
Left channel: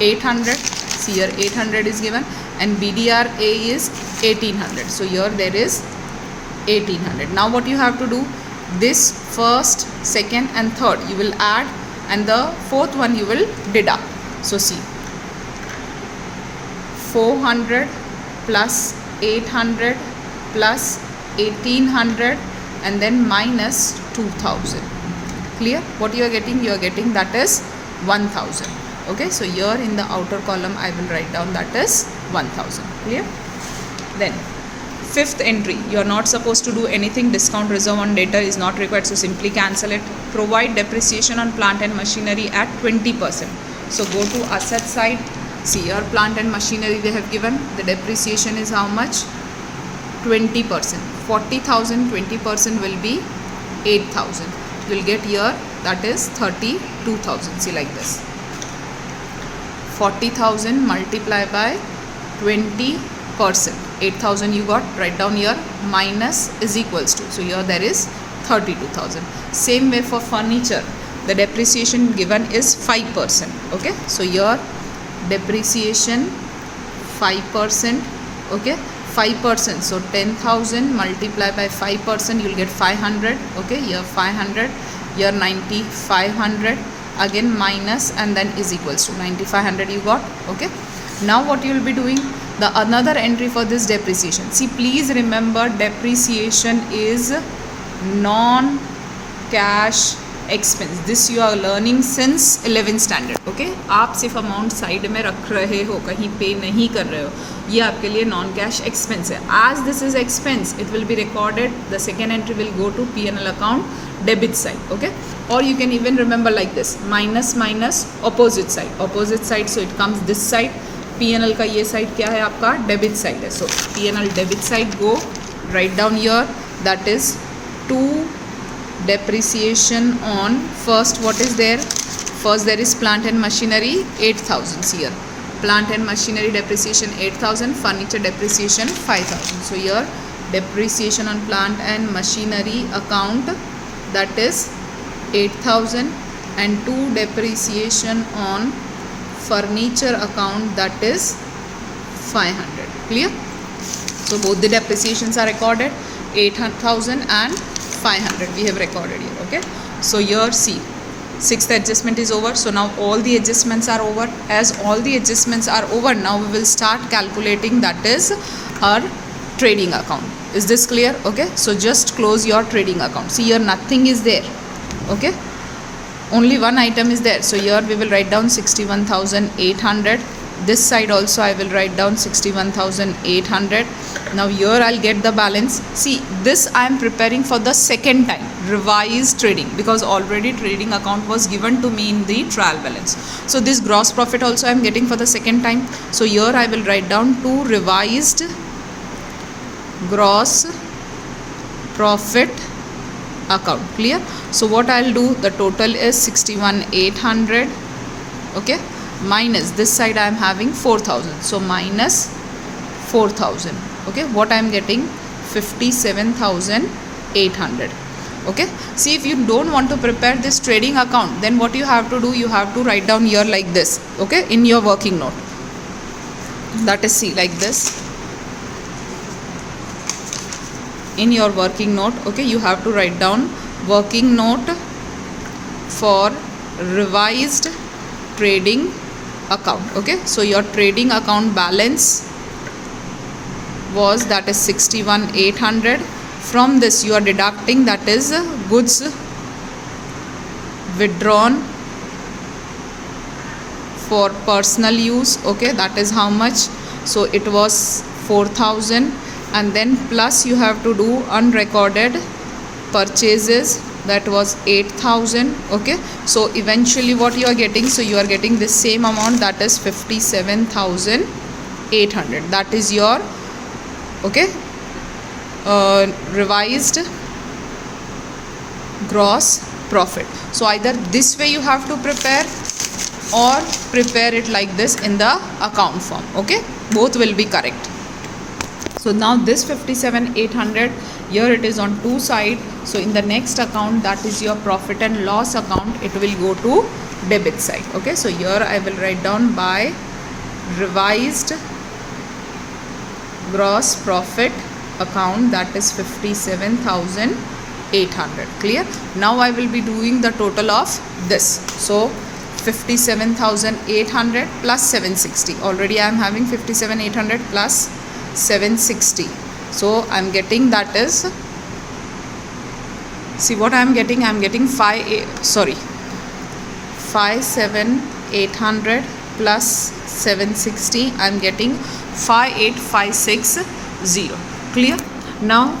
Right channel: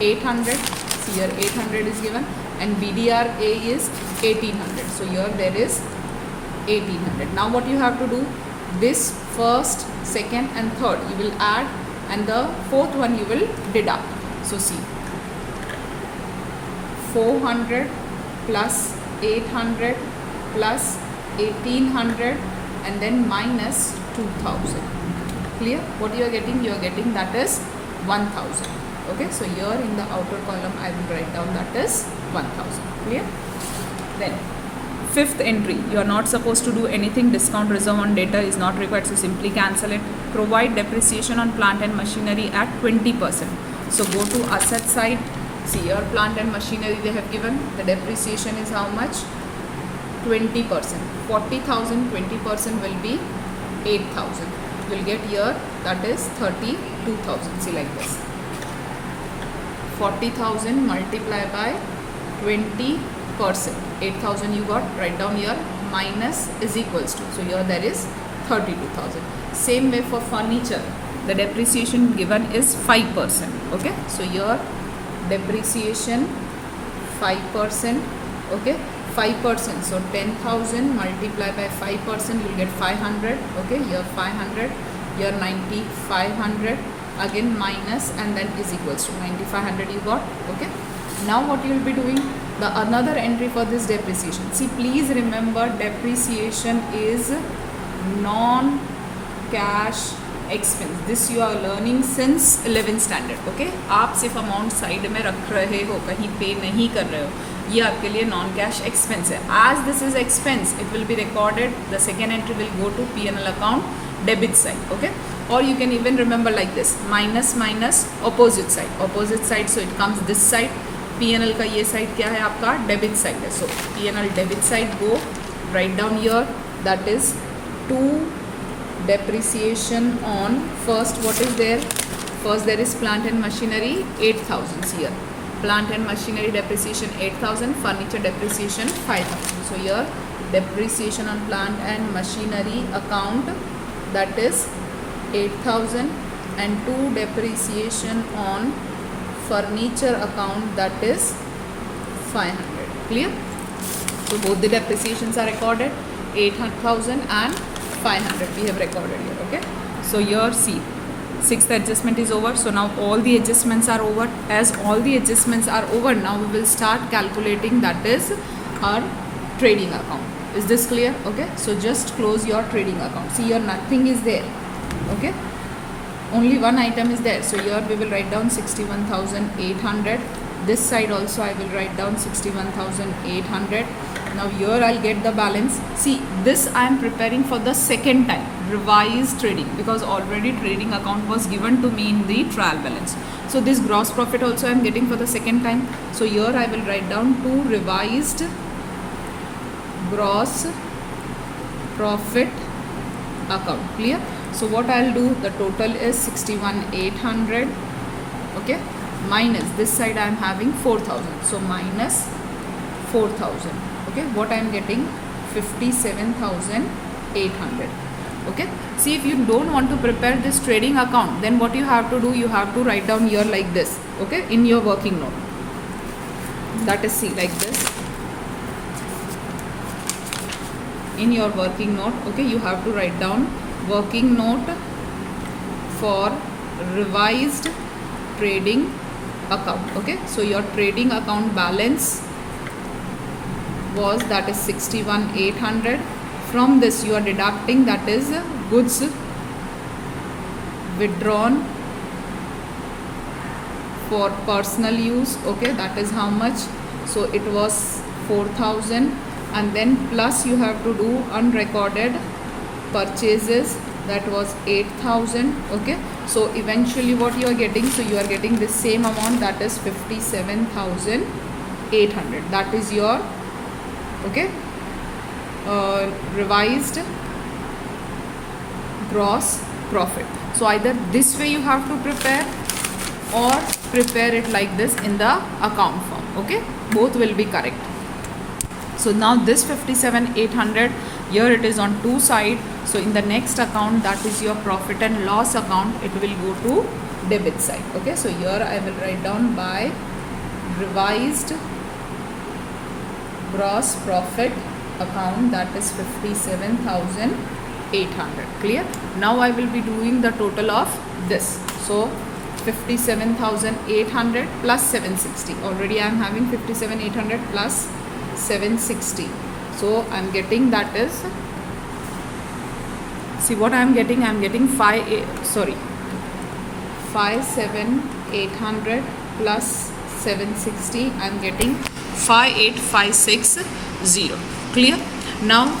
800. See here, 800 is given, and BDRA is 1,800. So here there is 1,800. Now what you have to do, this first, second and third you will add, and the fourth one you will deduct. So see, 400 plus 800 plus 1,800 and then minus 2,000. Clear? What you are getting? You are getting that is 1,000. Okay, so here in the outer column I will write down that is 1,000. Clear? Then fifth entry, you are not supposed to do anything. Discount reserve on debtor is not required, so simply cancel it. Provide depreciation on plant and machinery at 20%. So go to asset side. See here, plant and machinery they have given. The depreciation is how much? 20%. 40,000, 20% will be 8,000. You will get here that is 32,000. See like this. 40,000 multiply by 20%. 8,000 you got, write down here, minus is equals to, so here there is 32,000. Same way for furniture, the depreciation given is 5%. Okay, so here depreciation 5%. Okay, 5%, so 10,000 multiply by 5%, you will get 500. Okay, here 500, here 9,500, again minus and then is equals to 9,500 you got. Okay, now what you will be doing, the another entry for this depreciation. See, please remember, depreciation is non-cash expense. This you are learning since 11th standard. Okay, आप सिर्फ amount side में रख रहे हो, कहीं पे नहीं कर रहे हो, ये आपके लिए नॉन कैश एक्सपेंस है. As this is expense, it will be recorded. The second entry will go to P&L account debit side. Okay, or you can even remember like this, minus minus opposite side. Opposite side, so it comes this side. P&L का ये side क्या है आपका? Debit side है. So P&L debit side go, right down here, that is to depreciation on first. What is there? First there is plant and machinery 8,000 here. Plant and machinery depreciation 8,000, furniture depreciation 5,000. So here depreciation on plant and machinery account, that is 8,000, and to depreciation on furniture account, that is 500. Clear? So both the depreciations are recorded, 8,000 and 500 we have recorded here. Okay, so here see, sixth adjustment is over. So now all the adjustments are over. As all the adjustments are over, now we will start calculating, that is our trading account. Is this clear? Okay, so just close your trading account. See here, nothing is there. Okay, only one item is there. So here we will write down 61,800. This side also I will write down 61,800. Now here I'll get the balance. See, this I am preparing for the second time, revised trading, because already trading account was given to me in the trial balance. So this gross profit also I am getting for the second time. So here I will write down to revised gross profit account. Clear? So what I'll do, the total is 61,800. Okay, minus this side I am having 4,000, so minus 4,000. Okay, what I am getting? 57,800. Okay, see, if you don't want to prepare this trading account, then what you have to do, you have to write down here like this. Okay, in your working note, that is, see, like this in your working note. Okay, you have to write down working note for revised trading account. Okay, so your trading account balance was, that is 61,800. From this you are deducting, that is goods withdrawn for personal use. Okay, that is how much? So it was 4,000, and then plus you have to do unrecorded purchases, that was 8,000. Okay, so eventually what you are getting, so you are getting the same amount, that is 57,800. that is your, okay, revised gross profit. So either this way you have to prepare, or prepare it like this in the account form. Okay, both will be correct. So now this 57,800, here it is on two side. So in the next account, that is your profit and loss account, it will go to debit side. Okay, so here I will write down by revised gross profit account, that is 57,800. Clear? Now I will be doing the total of this. So 57,800 plus 760. Already I am having 57,800 plus 760. So I am getting, that is, see what I am getting. I am getting 57,800 plus 760. I am getting 58,560. Clear? Now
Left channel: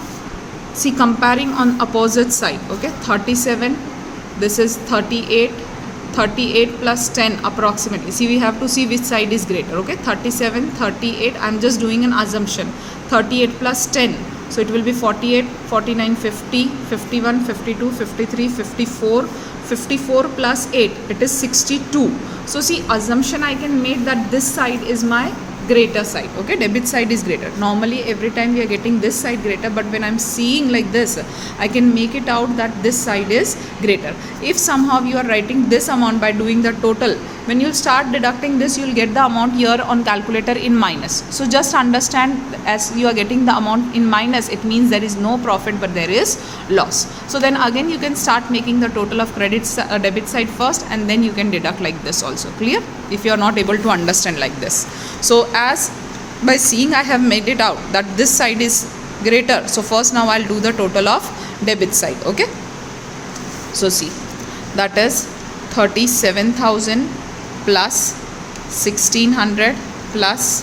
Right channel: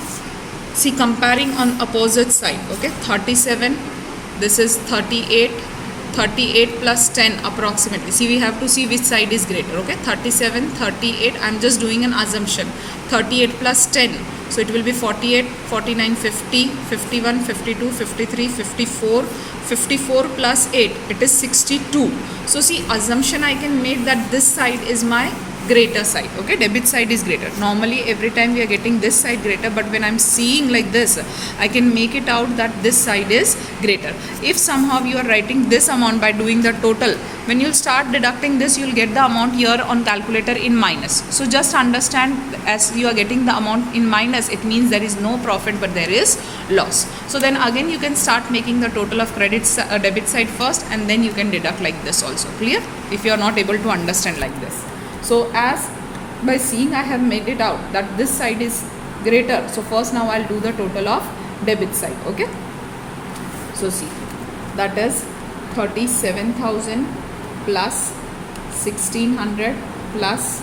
see, comparing on opposite side. Okay, 37, this is 38. 38 plus 10 approximately. See, we have to see which side is greater. Okay, 37, 38. I am just doing an assumption. 38 plus 10. So it will be 48, 49, 50, 51, 52, 53, 54. 54 plus 8. It is 62. So see, assumption I can make that this side is my greater side. Okay, debit side is greater. Normally every time we are getting this side greater, but when I'm seeing like this, I can make it out that this side is greater. If somehow you are writing this amount by doing the total, when you start deducting this, you will get the amount here on calculator in minus. So just understand, as you are getting the amount in minus, it means there is no profit but there is loss. So then again you can start making the total of debit side first, and then you can deduct like this also. Clear? If you are not able to understand like this. So as by seeing, I have made it out that this side is greater. So first now I'll do the total of debit side. Okay, so see, that is 37,000 plus 1,600 plus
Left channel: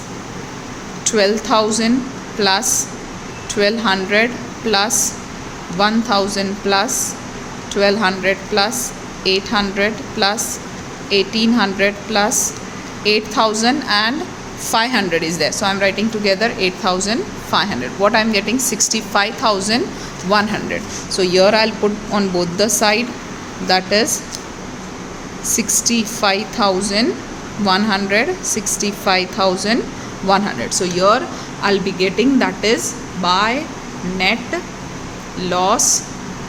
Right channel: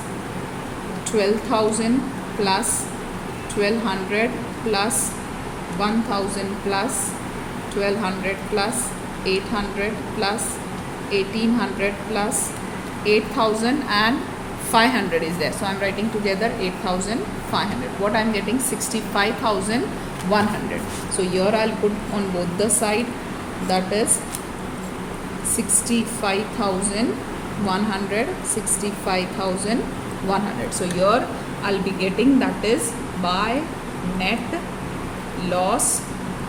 12,000 plus 1,200 plus 1,000 plus 1,200 plus 800 plus 1,800 plus 8,000 and 500 is there. So I am writing together 8,500. What I am getting? 65,100. So here I will put on both the side, that is 65,100, 65,100. So here I will be getting, that is by net loss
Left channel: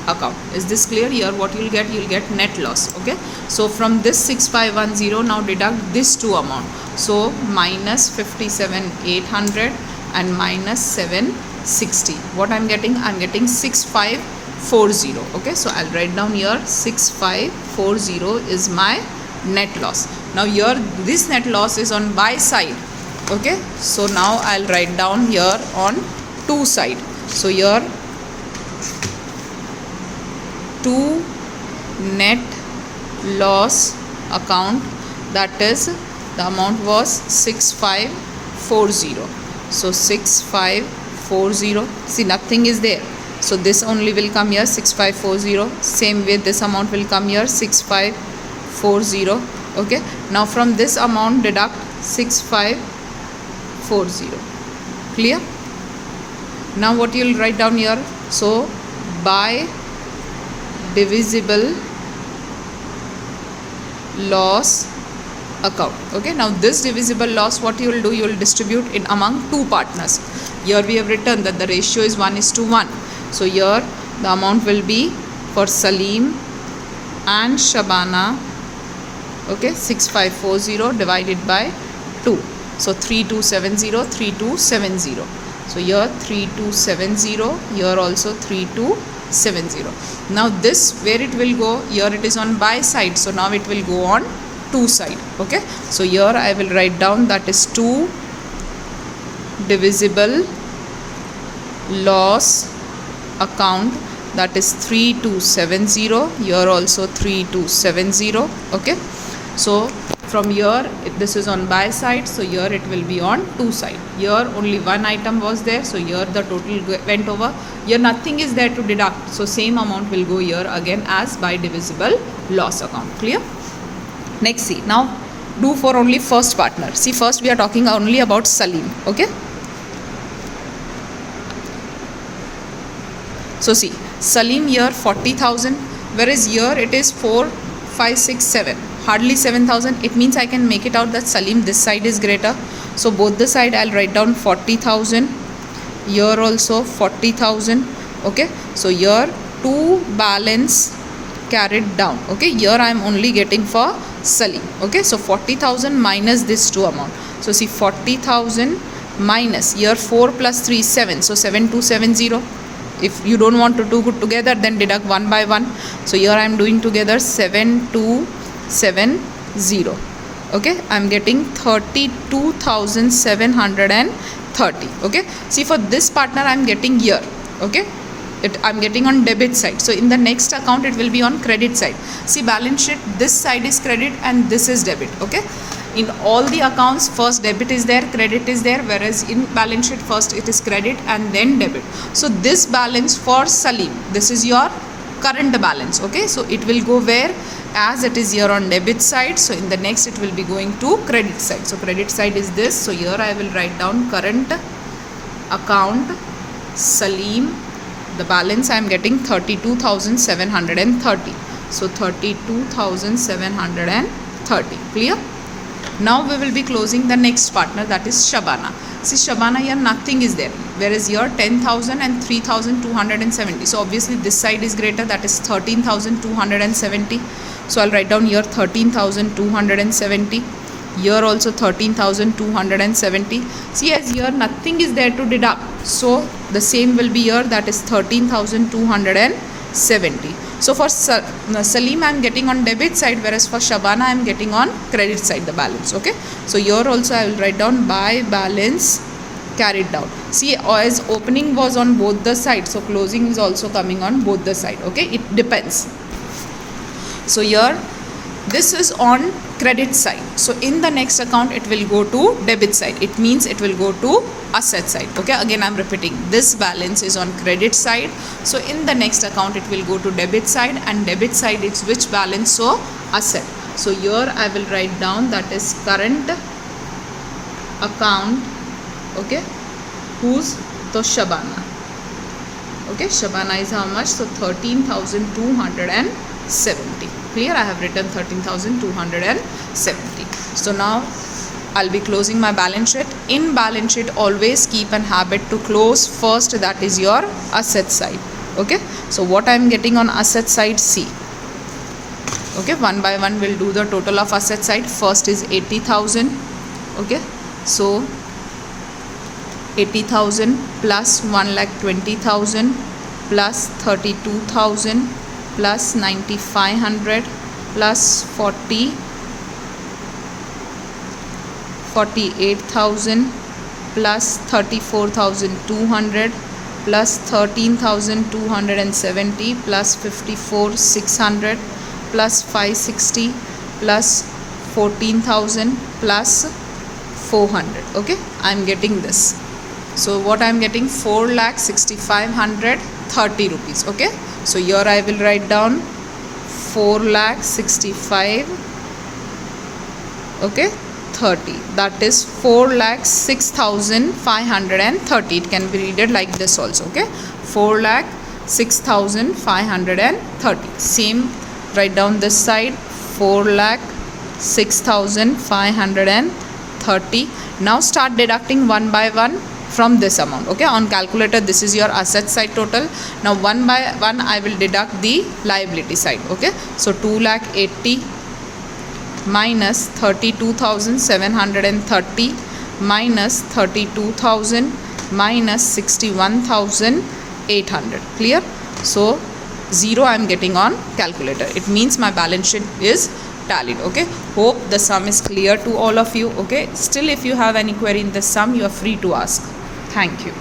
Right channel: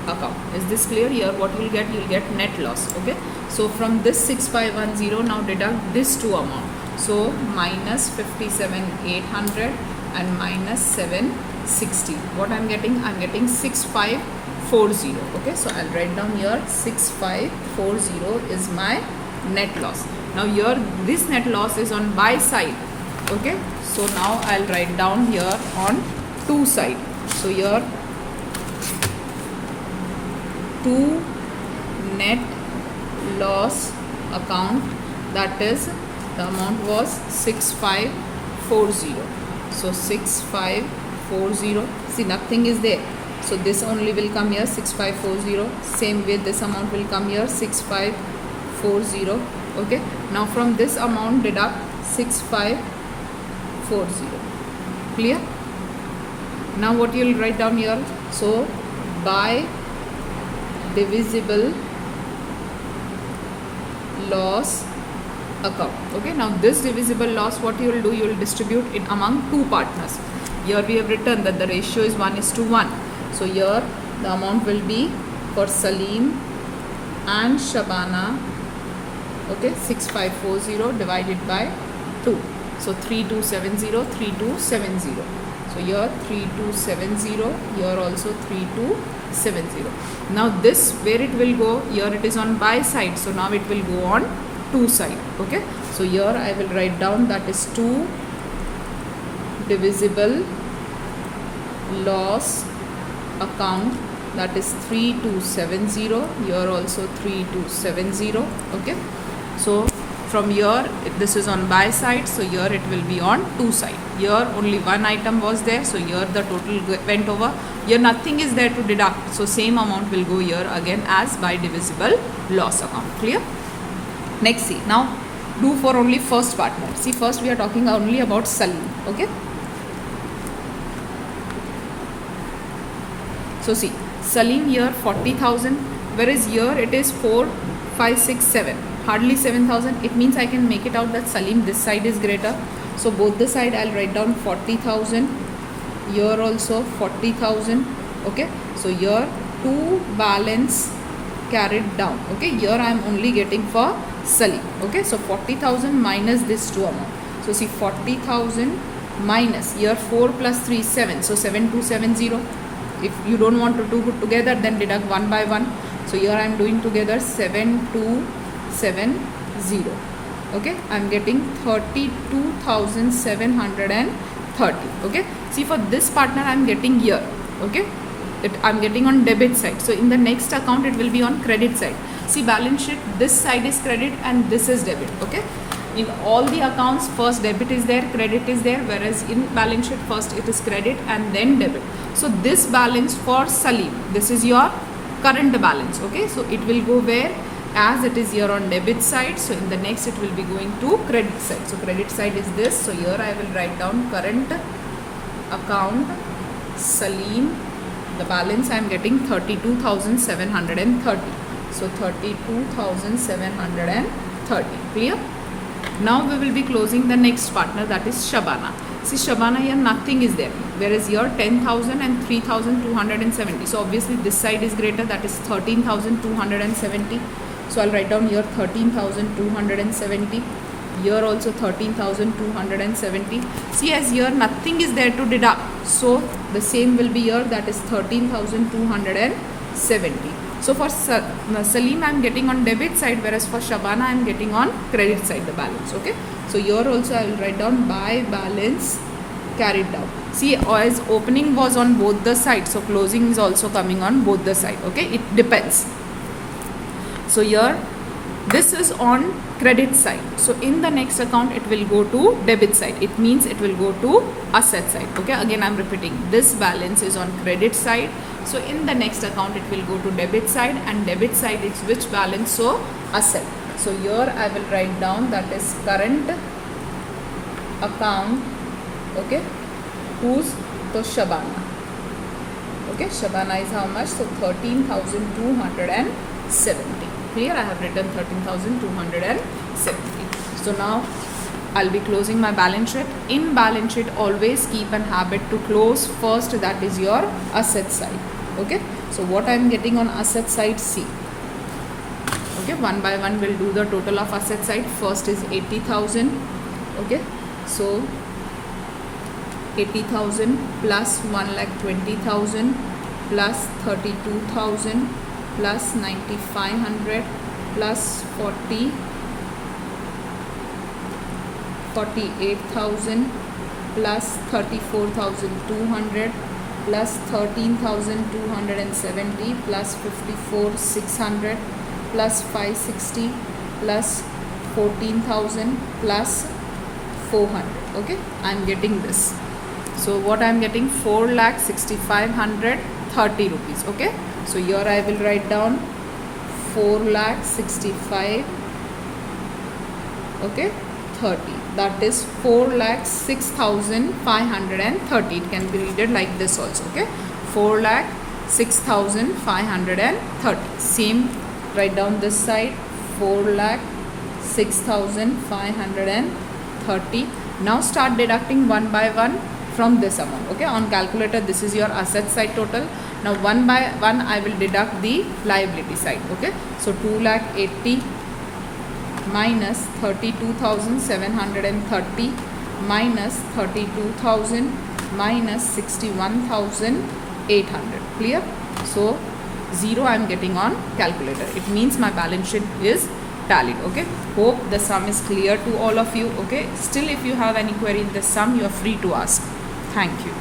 account. Is this clear? Here what you will get? You will get net loss. Okay, so from this 6510, now deduct this two amount. So minus 57,800 and minus 760. What I am getting? I am getting 6540. Okay, so I'll write down here 6540 is my net loss. Now here this net loss is on buy side. Okay, so now I'll write down here on two side. So here to net loss account, that is the amount was 6540. So 6540, see nothing is there, so this only will come here 6540. Same way this amount will come here 6540. Okay, now from this amount deduct 6540. Clear? Now what you will write down here? So by divisible loss account. Okay, now this divisible loss, what you will do? You will distribute it among two partners. Here we have written that the ratio is 1:1. So here the amount will be for Salim and Shabana. Okay, 6540 divided by 2. So 3270, 3270. So here 3270, here also 3270. Now this, where it will go? Here it is on buy side, so now it will go on 2 side. Okay, so here I will write down that is 2 divisible loss account, that is 3270. Here also 3270. Okay, so from here this is on buy side, so here it will be on 2 side. Here only one item was there, so here the total went over. Here nothing is there to deduct, so same amount will go here again as by divisible loss account. Clear? Next, see, now do for only first partner. See, first we are talking only about Salim. Okay, so see, Salim here 40,000, whereas here it is 4, 5, 6, 7, hardly 7,000. It means I can make it out that Salim this side is greater, so both the side I'll write down 40,000. Here also 40,000. Okay, so here 2 balance carried down. Okay, here I am only getting for Salim. Okay, so 40,000 minus this 2 amount. So see, 40,000 minus here 4 plus 3 7, so 7270. If you don't want to do good together, then deduct one by one. So here I am doing together 7270. Okay, I am getting 32,730. Okay, see, for this partner I am getting here. Okay, I am getting on debit side, so in the next account it will be on credit side. See, balance sheet, this side is credit and this is debit. Okay, in all the accounts first debit is there, credit is there, whereas in balance sheet first it is credit and then debit. So this balance for Salim, this is your current balance. Okay, so it will go where, as it is here on debit side, so in the next it will be going to credit side. So credit side is this, so here I will write down current account Salim. The balance I am getting 32,730. So 32,730. Clear? Now we will be closing the next partner, that is Shabana. See, Shabana here nothing is there, whereas here 10,000 and 3,270. So obviously this side is greater, that is 13,270. So I'll write down here 13,270. Here also 13,270. See, as here nothing is there to deduct, so the same will be here, that is 13,270. So for Salim I am getting on debit side, whereas for Shabana I am getting on credit side the balance. Okay, so here also I will write down by balance carried down. See, as opening was on both the sides, so closing is also coming on both the side. Okay, it depends. So here this is on credit side, so in the next account it will go to debit side. It means it will go to asset side. Okay, again I am repeating, this balance is on credit side, so in the next account it will go to debit side, and debit side it's which balance? So asset. So here I will write down that is current account. Okay, who's to Shabana. Okay, Shabana is how much? So 13,270. Here I have written 13,270. So now I'll be closing my balance sheet. In balance sheet always keep an habit to close first, that is your asset side. Okay, so what I am getting on asset side, see. Okay, one by one we'll do the total of asset side. First is 80,000. Okay, so 80,000 plus 1,20,000 plus 32,000 plus 9,500 plus 48,000 plus 34,200 plus 13,270 plus 54,600 plus 560 plus 14,000 plus 400. Okay, I am getting this. So what I am getting, 4,65,30 rupees. Okay, so here I will write down 4,65,30. Okay, 30. That is 4,06,530. It can be read like this also. Okay, 4,06,530. Same, write down this side, 4,06,530. Now start deducting one by one from this amount. Okay, on calculator this is your asset side total. Now one by one I will deduct the liability side. Okay, so 2,80,000 minus 32,730 minus 32,000 minus 61,800. Clear? So 0 I am getting on calculator. It means my balance sheet is tallied. Okay, hope the sum is clear to all of you. Okay, still if you have any query in the sum, you are free to ask. Thank you.